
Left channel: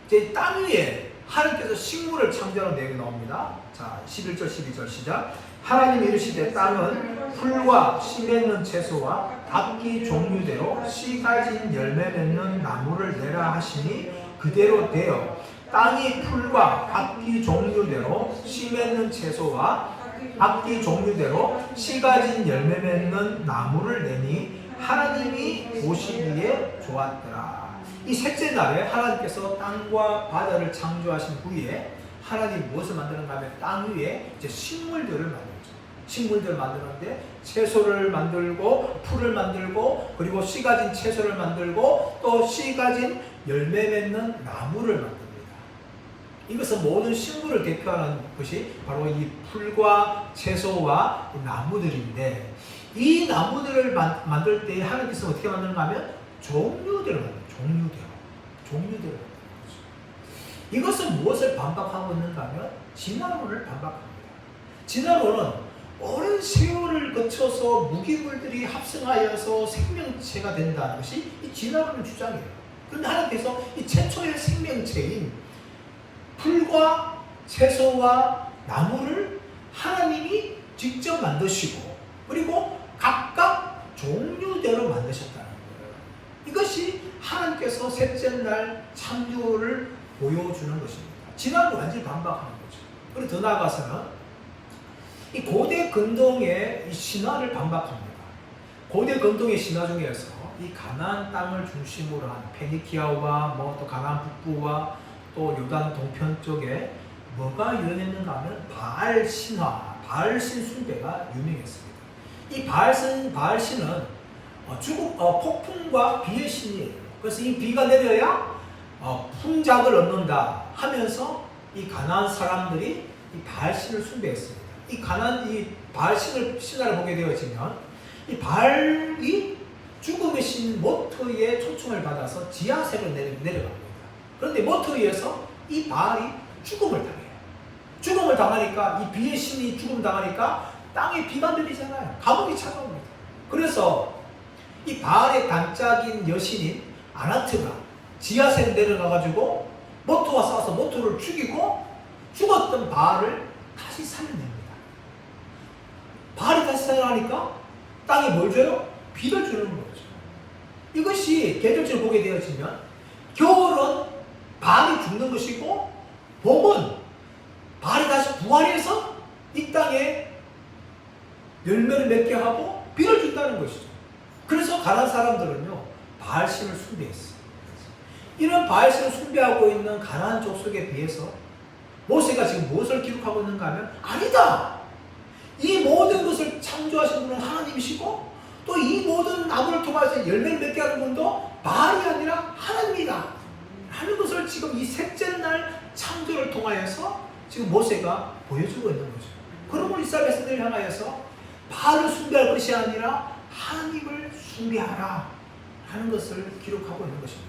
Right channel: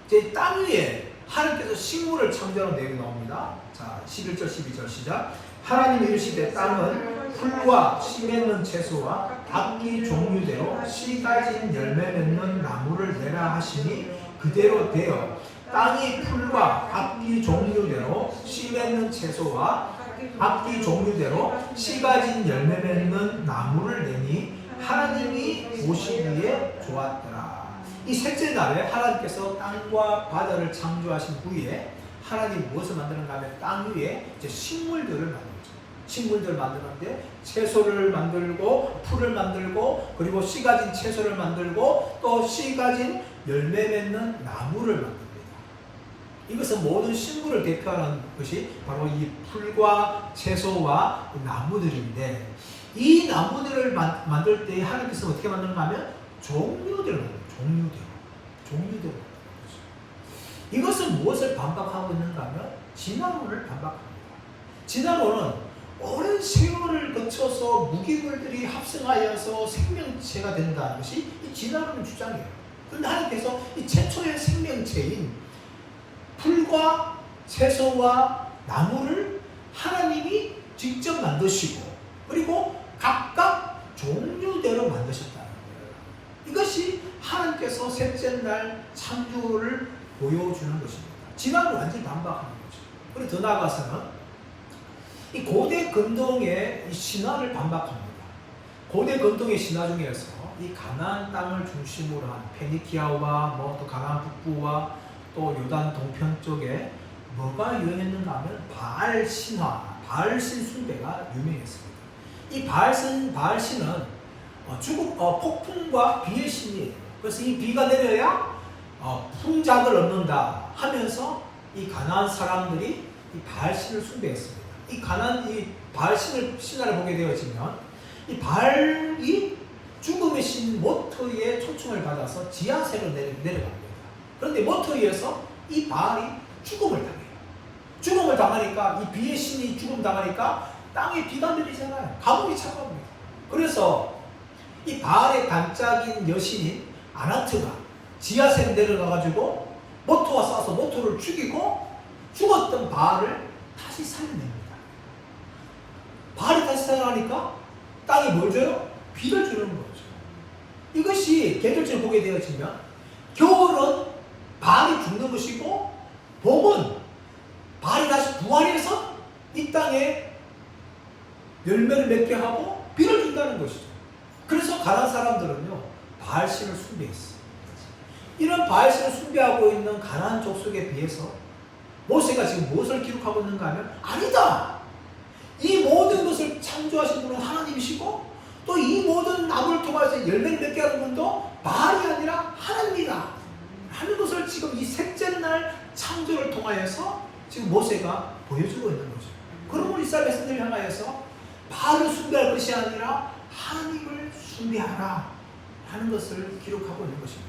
이제 땅 위에 하나님께서 식물을 창조하는 내용이 나옵니다. 자, 11절 12절 시작. 하나님이 이르시되 땅은 풀과 씨 맺는 채소와 각기 종류대로 씨 가진 열매 맺는 나무를 내라 하시니 그대로 되어 땅이 풀과 각기 종류대로 씨 맺는 채소와 각기 종류대로 씨 가진 열매 맺는 나무를 내니 하나님이 보시기에 좋았더라. 이 셋째 날에 하나님께서 땅과 바다를 창조하신 후에 하나님 무엇을 만드는가 하면 땅 위에 이제 식물들을 만들죠. 식물들을 만드는데 채소를 만들고 풀을 만들고, 그리고 씨 가진 채소를 만들고, 또 씨 가진 열매 맺는 나무를 만듭니다. 이것은 모든 식물을 대표하는 것이 바로 이 풀과 채소와 나무들인데, 이 나무들을 만들 때 하나님께서 어떻게 만드는가 하면 종류대로 만듭니다. 종류대로 만듭니다. 이것은 무엇을 반박하고 있는가 하면 진화론을 반박합니다. 진화론은 오랜 세월을 거쳐서 무기물들이 합성하여서 생명체가 된다는 것이 이 진화론의 주장이에요. 그런데 하나님께서 이 최초의 생명체인 풀과 채소와 나무를 하나님이 직접 만드시고, 그리고 각각 종류대로 만드셨다는 거예요. 이것이 하나님께서 셋째 날 창조를 보여주는 것입니다. 진화를 완전히 반박하는 거죠. 그리고 더 나아가서는 이 고대 근동의 이 신화를 반박합니다. 고대 근동의 신화 중에서 이 가나안 땅을 중심으로 한 페니키아와 또 가나안 북부와 또 요단 동편 쪽에 뭐가 유행했는가 하면 바알 신화, 바알 신 숭배가 유명했습니다. 이 바알 신은 폭풍과 비의 신이에요. 그래서 이 비가 내려야 풍작을 얻는다 하면서 이 가나안 사람들이 이 바알 신을 숭배했습니다. 이 바알 신화를 보게 되어지면 이 바알이 죽음의 신 모토의 초청을 받아서 지하세로 내려갑니다. 그런데 모토에서 이 바알이 죽음을 당해요. 죽음을 당하니까 이 비의 신이 죽음 당하니까 땅에 비가 내리잖아요. 가뭄이 찾아옵니다. 그래서 이 바알의 단짝인 여신인 아나트가 지하세로 내려가가지고 모토와 싸워서 모토를 죽이고 죽었던 바알을 다시 살려냅니다. 바알이 다시 살아나니까 땅이 뭘 줘요? 비를 주는 거죠. 이것이 계절적으로 보게 되어지면 겨울은 바알이 죽는 것이고 봄은 바알이 다시 부활해서 이 땅에 열매를 맺게 하고 비를 준다는 것이죠. 그래서 가나안 사람들은요 바알신을 숭배했어요. 이런 바알신을 숭배하고 있는 가나안 족속에 비해서 모세가 지금 무엇을 기록하고 있는가 하면 아니다! 이 모든 것을 창조하신 분은 하나님이시고 또 이 모든 나무를 통해서 열매를 맺게 하는 분도 바알이 아니라 하나님이다 하는 것을 지금 이 셋째 날 창조를 통하여서 지금 모세가 보여주고 있는 거죠. 그러므로 이스라엘 백성들을 향하여서 바알을 숭배할 것이 아니라 하나님을 숭배하라 하는 것을 기록하고 있는 것입니다.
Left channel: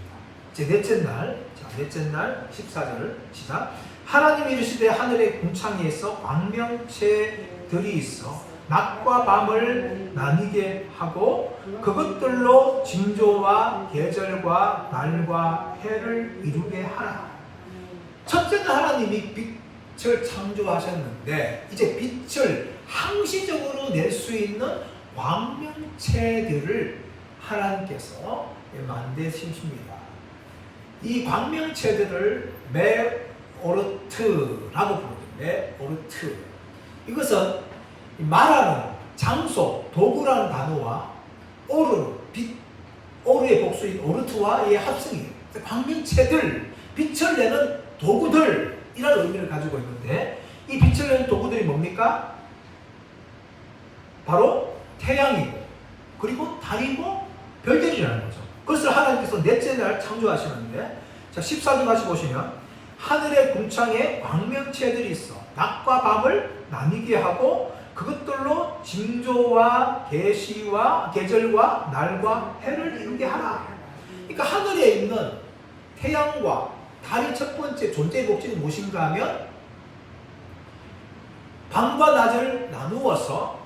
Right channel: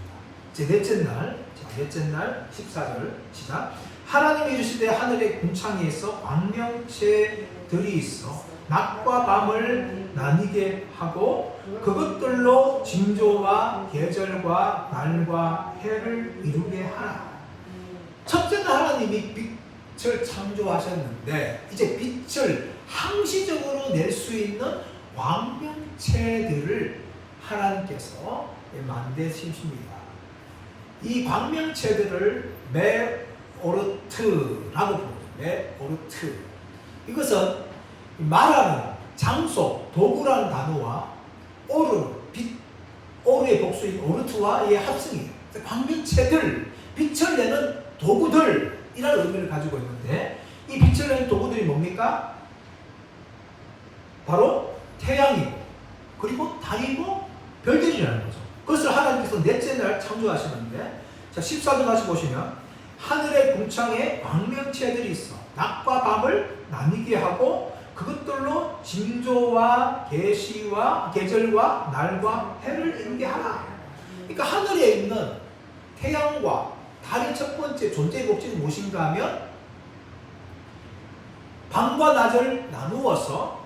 제 넷째 날 14절 시작. 하나님이 이르시되 하늘의 궁창에서 광명체들이 있어 낮과 밤을 나뉘게 하고 그것들로 징조와 계절과 날과 해를 이루게 하라. 첫째 날 하나님이 빛을 창조하셨는데 이제 빛을 항시적으로 낼 수 있는 광명체들을 하나님께서 만드십니다. 이 광명체들을 메오르트라고 부르죠. 메오르트. 이것은 말하는 장소, 도구라는 단어와 오르의 복수인 오르트와의 합성이에요. 광명체들, 빛을 내는 도구들이라는 의미를 가지고 있는데 이 빛을 내는 도구들이 뭡니까? 바로 태양이고 그리고 달이고 별들이라는 거죠. 그것을 하나님께서 넷째 날 창조하시는데 자 14절 다시 보시면 하늘의 궁창에 광명체들이 있어 낮과 밤을 나뉘게 하고 그것들로 징조와 계시와 계절과 날과 해를 이루게 하라. 그러니까 하늘에 있는 태양과 달의 첫 번째 존재 목적이 무엇인가 하면 밤과 낮을 나누어서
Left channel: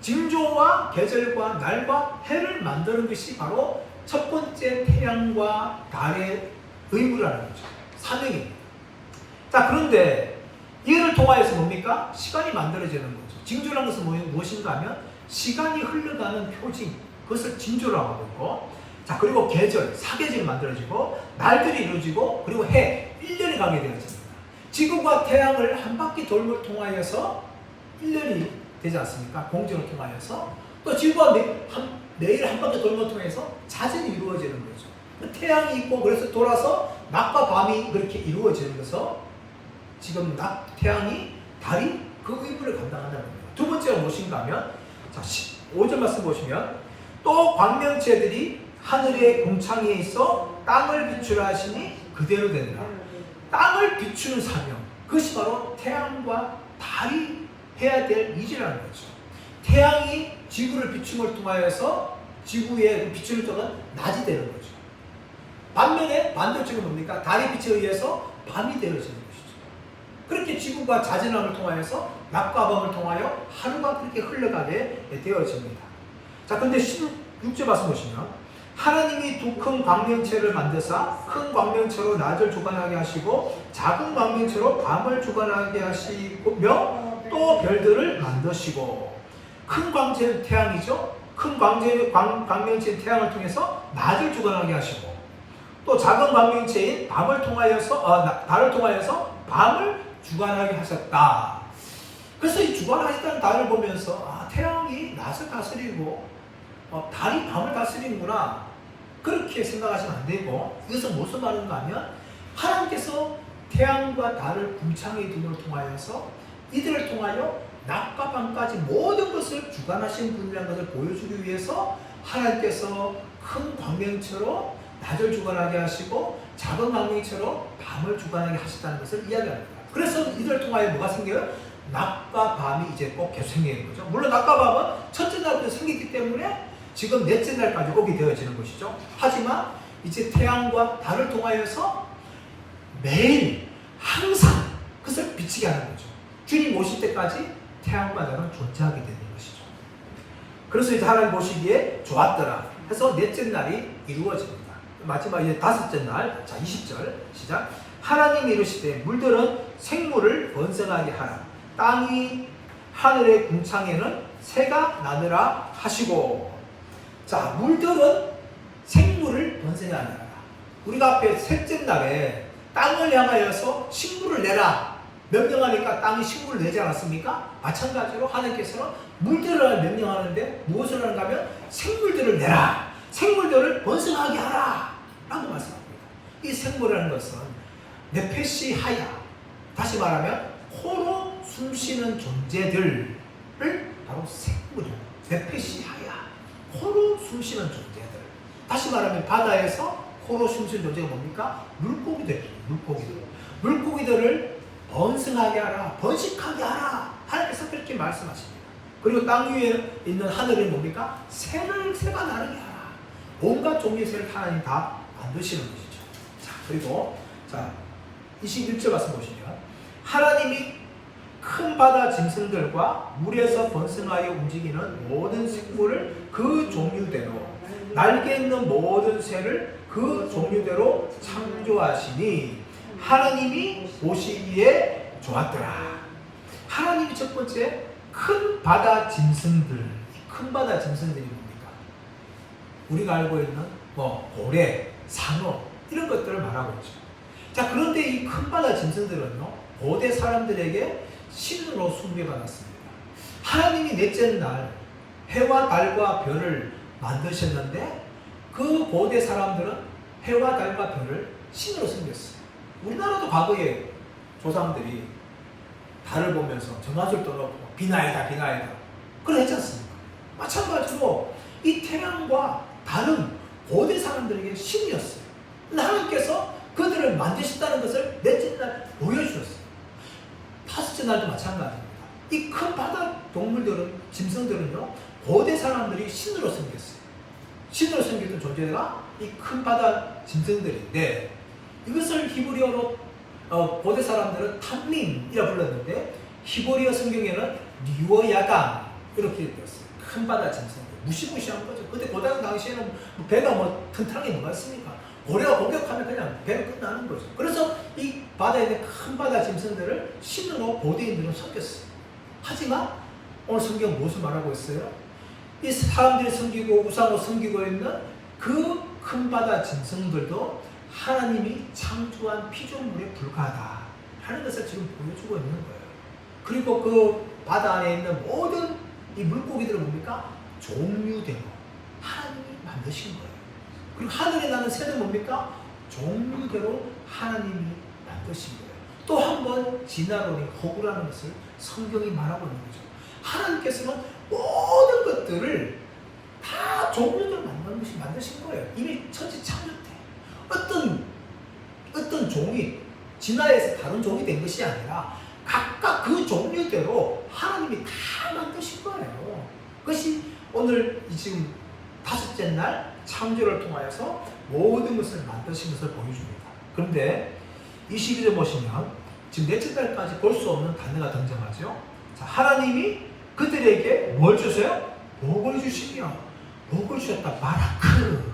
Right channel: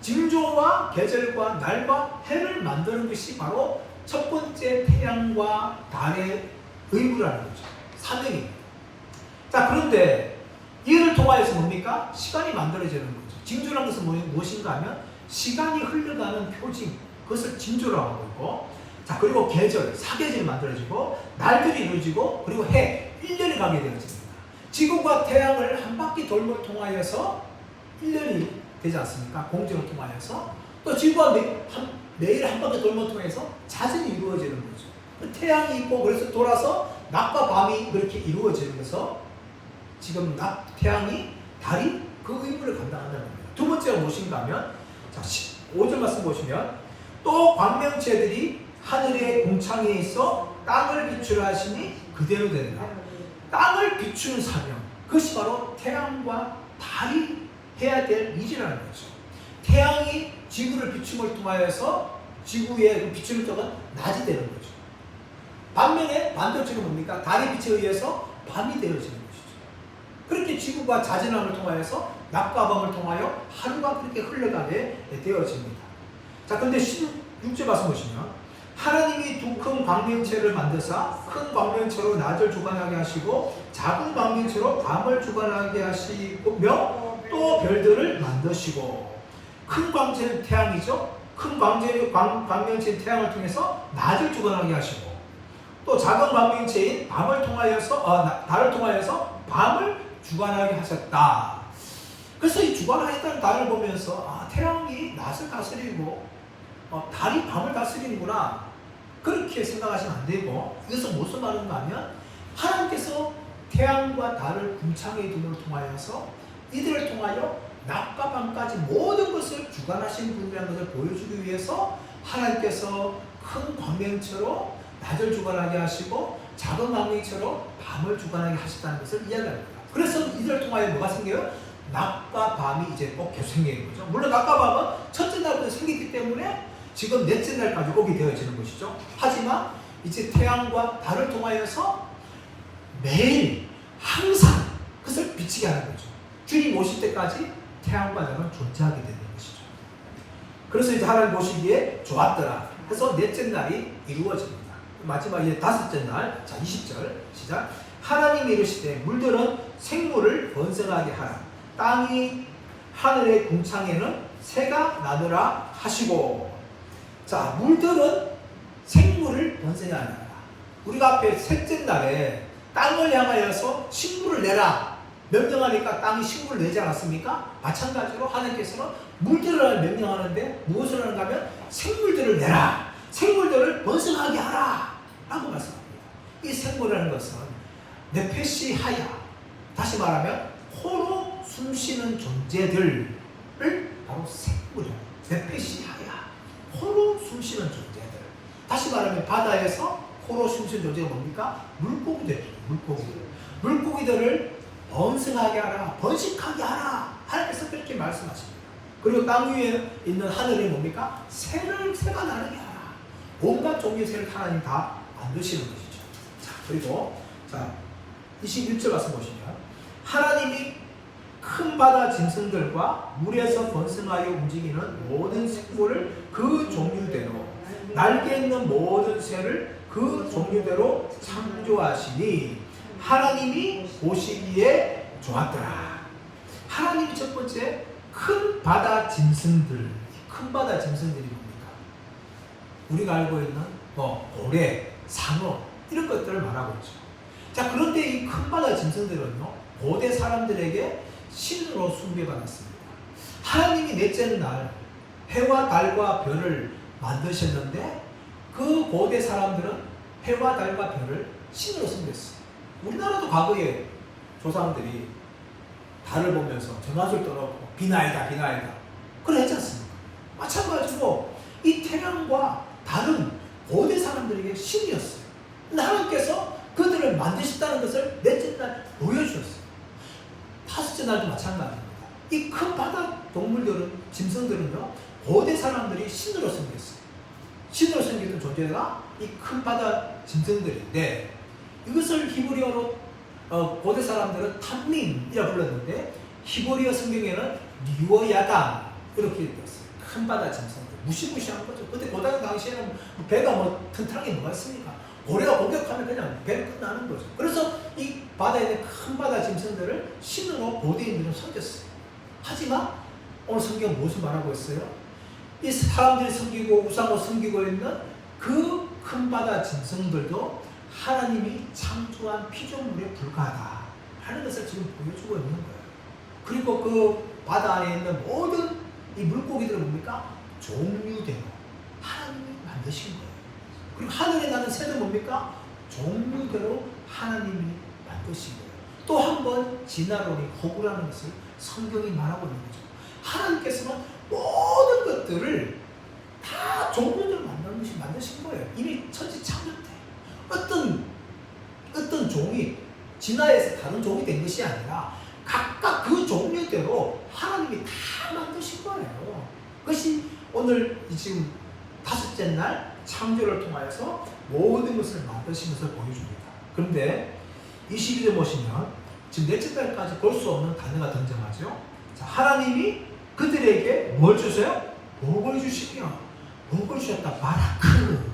징조와 계절과 날과 해를 만드는 것이 바로 첫 번째 태양과 달의 의무라는 거죠. 사명입니다. 자, 그런데 이를 통하여서 뭡니까? 시간이 만들어지는 거죠. 징조라는 것은 무엇인가 하면 시간이 흘러가는 표징, 그것을 징조라고 하고 있고, 자, 그리고 계절, 사계절이 만들어지고, 날들이 이루어지고, 그리고 해, 1년이 가게 되어집니다. 지구가 태양을 한 바퀴 돌을 통하여서 1년이 되지 않습니까? 공정을 통하여서. 또 지구가 매일 한 바퀴 돌을 통해서 자전이 이루어지는 거죠. 태양이 있고, 그래서 돌아서 낮과 밤이 그렇게 이루어지는 것은 지금 태양이, 달이 그 의무를 감당한다는 겁니다. 두 번째가 무엇인가 하면, 자, 5절 말씀 보시면, 또 광명체들이 하늘의 궁창에 있어 땅을 비추라 하시니 그대로 되리라. 땅을 비추는 사명, 그것이 바로 태양과 달이 해야 될 일이라는 거죠. 태양이 지구를 비춤을 통하여서 지구의 비추는 쪽은 낮이 되는 거죠. 반면에 반대쪽은 뭡니까? 달의 빛에 의해서 밤이 되어지는 것이죠. 그렇게 지구가 자전함을 통하여서 낮과 밤을 통하여 하루가 그렇게 흘러가게 되어집니다. 자, 그런데 16절 말씀 보시면 하나님이 두 큰 광명체를 만드사 큰 광명체로 낮을 주관하게 하시고 작은 광명체로 밤을 주관하게 하시며 또 별들을 만드시고 큰 광명체는 태양이죠. 큰 광명체인 태양을 통해서 낮을 주관하게 하시고, 또 작은 광명체인 달을 통하여서 밤을 주관하게 하셨다. 그래서 이 주관하셨다는 달을 보면서 태양이 낮을 다스리고 달이 밤을 다스리는구나, 그렇게 생각하시면 안 되고, 이것은 무슨 말인가 하면 하나님께서 태양과 달을 궁창의 둠을 통하여서 이들을 통하여 낮과 밤까지 모든 것을 주관하신 분이라는 것을 보여주기 위해서 하나님께서 큰 광명체로 낮을 주관하게 하시고 작은 광명체로 밤을 주관하게 하셨다는 것을 이야기합니다. 그래서 이들을 통하여 뭐가 생겨요? 낮과 밤이 이제 꼭 계속 생기는 거죠. 물론 낮과 밤은 첫째 날부터 생겼기 때문에 지금 넷째 날까지 오게 되어지는 것이죠. 하지만 이제 태양과 달을 통하여서 매일 항상 그것을 비치게 하는 거죠. 주님 오실 때까지 태양과 달은 존재하게 되는 것이죠. 그래서 이제 하나님 보시기에 좋았더라 해서 넷째 날이 이루어집니다. 마지막 이제 다섯째 날, 자 20절 시작. 하나님이 이르시되 물들은 생물을 번성하게 하라. 땅이 하늘의 궁창에는 새가 나느라 하시고. 자, 물들은 생물을 번성하게 하라. 우리가 앞에 셋째 날에 땅을 향하여서 식물을 내라 명령하니까 땅이 식물을 내지 않았습니까? 마찬가지로 하나님께서는 물들을 명령하는데 무엇을 하는가 하면 생물들을 내라, 생물들을 번성하게 하라 라고 말씀합니다. 이 생물이라는 것은 네페시 하야, 다시 말하면 코로 숨쉬는 존재들을 바로 생물이에요. 네페시 하야, 코로 숨쉬는 존재들. 다시 말하면 바다에서 코로 숨쉬는 존재가 뭡니까? 물고기들이에요. 물고기들을 번성하게 하라, 번식하게 하라, 하나님께서 그렇게 말씀하십니다. 그리고 땅 위에 있는 하늘은 뭡니까? 새가 나르게 하라. 온갖 종류의 새를 하나님 다 만드시는 것이죠. 자, 그리고 21절 말씀 보시면 하나님이 큰 바다 짐승들과 물에서 번성하여 움직이는 모든 생물을 그 종류대로, 날개 있는 모든 새를 그 종류대로 창조하시니 하나님이 보시기에 좋았더라. 하나님이 첫 번째 큰 바다 짐승들, 큰 바다 짐승들이 뭡니까? 우리가 알고 있는 고래, 상어 이런 것들을 말하고 있죠. 자, 그런데 이 큰 바다 짐승들은요, 고대 사람들에게 신으로 숭배받았습니다. 하나님이 넷째 날 해와 달과 별을 만드셨는데 그 고대 사람들은 해와 달과 별을 신으로 숭배했어요. 우리나라도 과거에 조상들이 달을 보면서 정화줄 떠놓고 비나이다 그래 했지 않습니까? 마찬가지로 이 태양과 달은 고대 사람들에게 신이었어요. 근데 하나님께서 그들을 만드셨다는 것을 넷째 날 보여주셨어요. 다섯째 날도 마찬가지입니다. 이 큰 바다 동물들은, 짐승들은요, 고대 사람들이 신으로 섬겼어요. 신으로 섬겼던 존재가 이 큰 바다 짐승들인데, 이것을 히브리어로 고대 사람들은 탐민이라 불렀는데 히브리어 성경에는 리워야단 이렇게 되었어요. 큰 바다 짐승들, 무시무시한 거죠. 근데 고대 당시에는 배가 튼튼하게 넘었습니까? 고래가 공격하면 그냥 배로 끝나는 거죠. 그래서 이 바다에 있는 큰 바다 짐승들을 신으로 고대인들은 섬겼어요. 하지만 오늘 성경 무엇을 말하고 있어요? 이 사람들이 섬기고 우상으로 섬기고 있는 그 큰 바다 짐승들도 하나님이 창조한 피조물에 불과하다 하는 것을 지금 보여주고 있는 거예요. 그리고 그 바다에 있는 모든 이 물고기들은 뭡니까? 종류대로 하나님이 만드신 거예요. 그리고 하늘에 나는 새는 뭡니까? 종류대로 하나님이 만드신 거예요. 또 한 번 진화론이 허구라는 것을 성경이 말하고 있는 거죠. 하나님께서는 모든 것들을 다 종류대로 만드신 거예요. 이미 천지 창조 때 어떤 종이 진화해서 다른 종이 된 것이 아니라 각각 그 종류대로 하나님이 다 만드신 거예요. 그것이 오늘 지금 다섯째 날 창조를 통하여서 모든 것을 만드신 것을 보여줍니다. 그런데 22절 보시면 지금 넷째 날까지 볼 수 없는 단어가 등장하죠. 자, 하나님이 그들에게 뭘 주세요? 복을 주시며, 복을 주셨다. 바라크.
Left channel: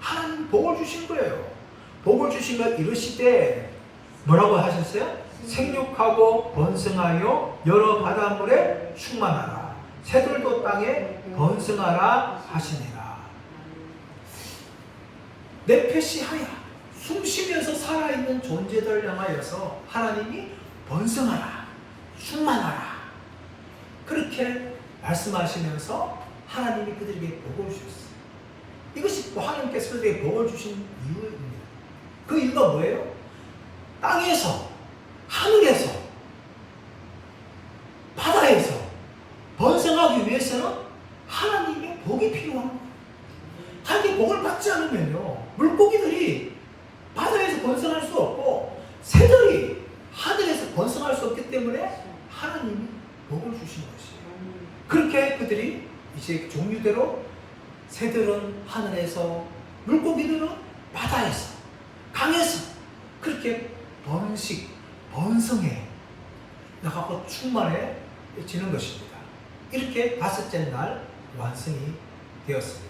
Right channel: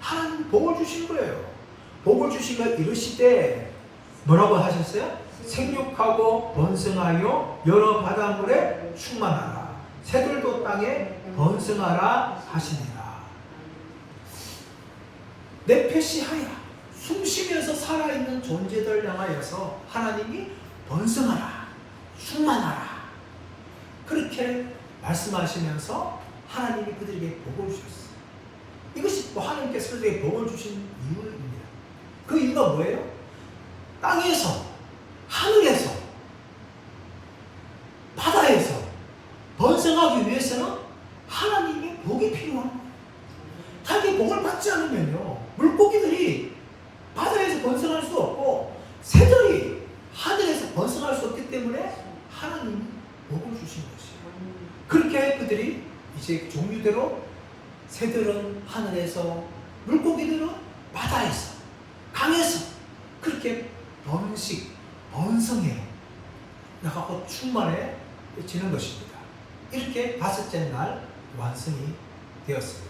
하나님 복을 주신 거예요. 복을 주시며 이르시되 뭐라고 하셨어요? 생육하고 번성하여 여러 바닷물에 충만하라. 새들도 땅에 번성하라 하시니라. 네페시하야, 숨쉬면서 살아있는 존재들 향하여서 하나님이 번성하라, 충만하라, 그렇게 말씀하시면서 하나님이 그들에게 복을 주셨어요. 이것이 하나님께서 그들에게 복을 주신 이유입니다. 그 이유가 뭐예요? 땅에서, 하늘에서, 바다에서 번성하기 위해서는 하나님의 복이 필요합니다. 하나님의 복을 받지 않으면요, 물고기들이 바다에서 번성할 수 없고 새들이 하늘에서 번성할 수 없기 때문에 하나님이 복을 주신 것이에요. 그렇게 그들이 이제 종류대로 새들은 하늘에서, 물고기들은 바다에서, 강에서 그렇게 번성해 나가고 충만해지는 것입니다. 이렇게 다섯째 날 완성이 되었습니다.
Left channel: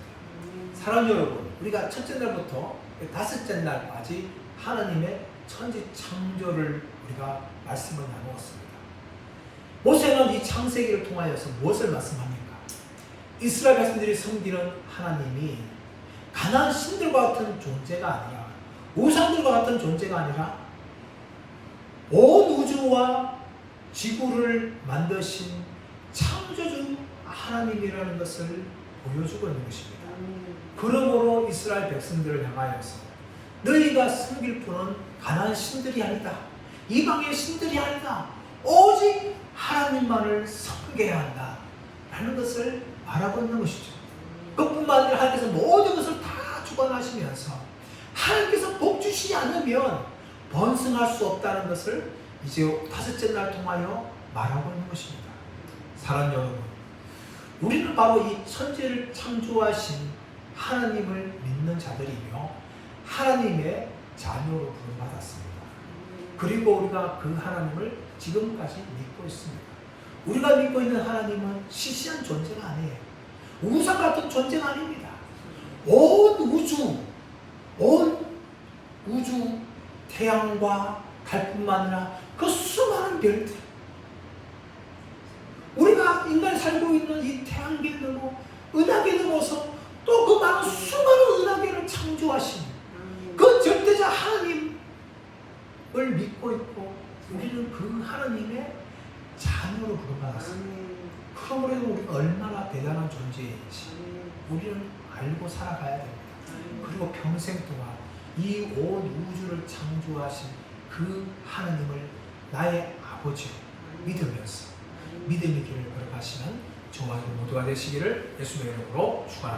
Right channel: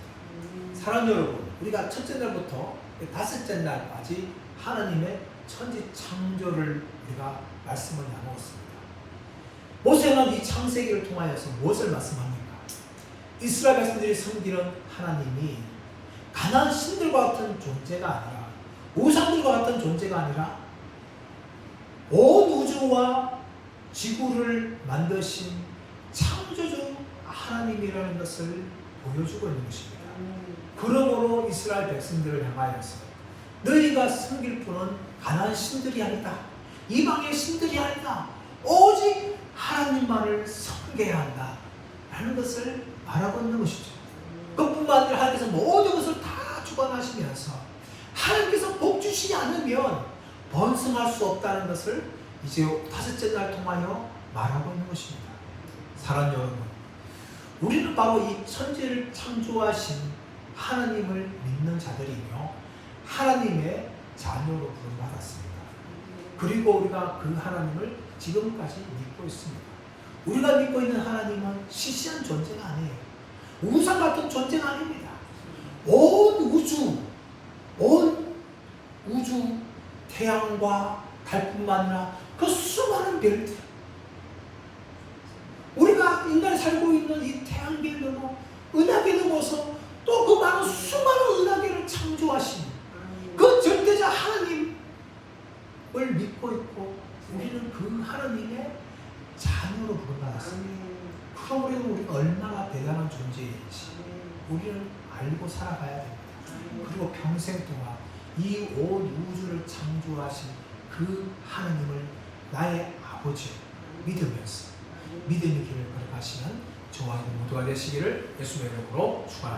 사랑하는 여러분, 우리가 첫째 날부터 다섯째 날까지 하나님의 천지 창조를 우리가 말씀을 나누었습니다. 모세는 이 창세기를 통하여서 무엇을 말씀합니까? 이스라엘 백성들이 섬기는 하나님이 가나안 신들과 같은 존재가 아니라, 우상들과 같은 존재가 아니라 온 우주와 지구를 만드신 창조주 하나님이라는 것을 보여주고 있는 것입니다. 그러므로 이스라엘 백성들을 향하여서 너희가 섬길 분은 가나안 신들이 아니다, 이방의 신들이 아니다, 오직 하나님만을 섬겨야 한다 라는 것을 말하고 있는 것이죠. 그뿐만 아니라 하나님께서 모든 것을 다 주관하시면서 하나님께서 복 주시지 않으면 번성할 수 없다는 것을 이제 다섯째 날 통하여 말하고 있는 것입니다. 사랑하는 여러분, 우리는 바로 이 천지를 창조하신 하나님을 믿는 자들이며 하나님의 자녀로 부름받았습니다. 그리고 우리가 그 하나님을 지금까지 믿고 있습니다. 우리가 믿고 있는 하나님은 시시한 존재가 아니에요. 우상 같은 존재가 아닙니다. 온 우주 태양과 달뿐만 아니라 그 수많은 별들, 우리가 인간이 살고 있는 이 태양계를 넘어 은하계를 넘어서 또 그 많은 수많은 은하계를 창조하신 그 절대자 하나님을 믿고 있고 우리는 그 하나님의 자녀로 부름받았습니다. 그러므로 우리가 얼마나 대단한 존재인지 우리는 알고 살아가야 됩니다. 그리고 평생 동안 이 온 우주를 창조하신 그 하나님을 나의 아버지 믿으면서 믿음의 길을 걸어가시는 저와 모두가 되시기를 예수님의 이름으로 축원합니다.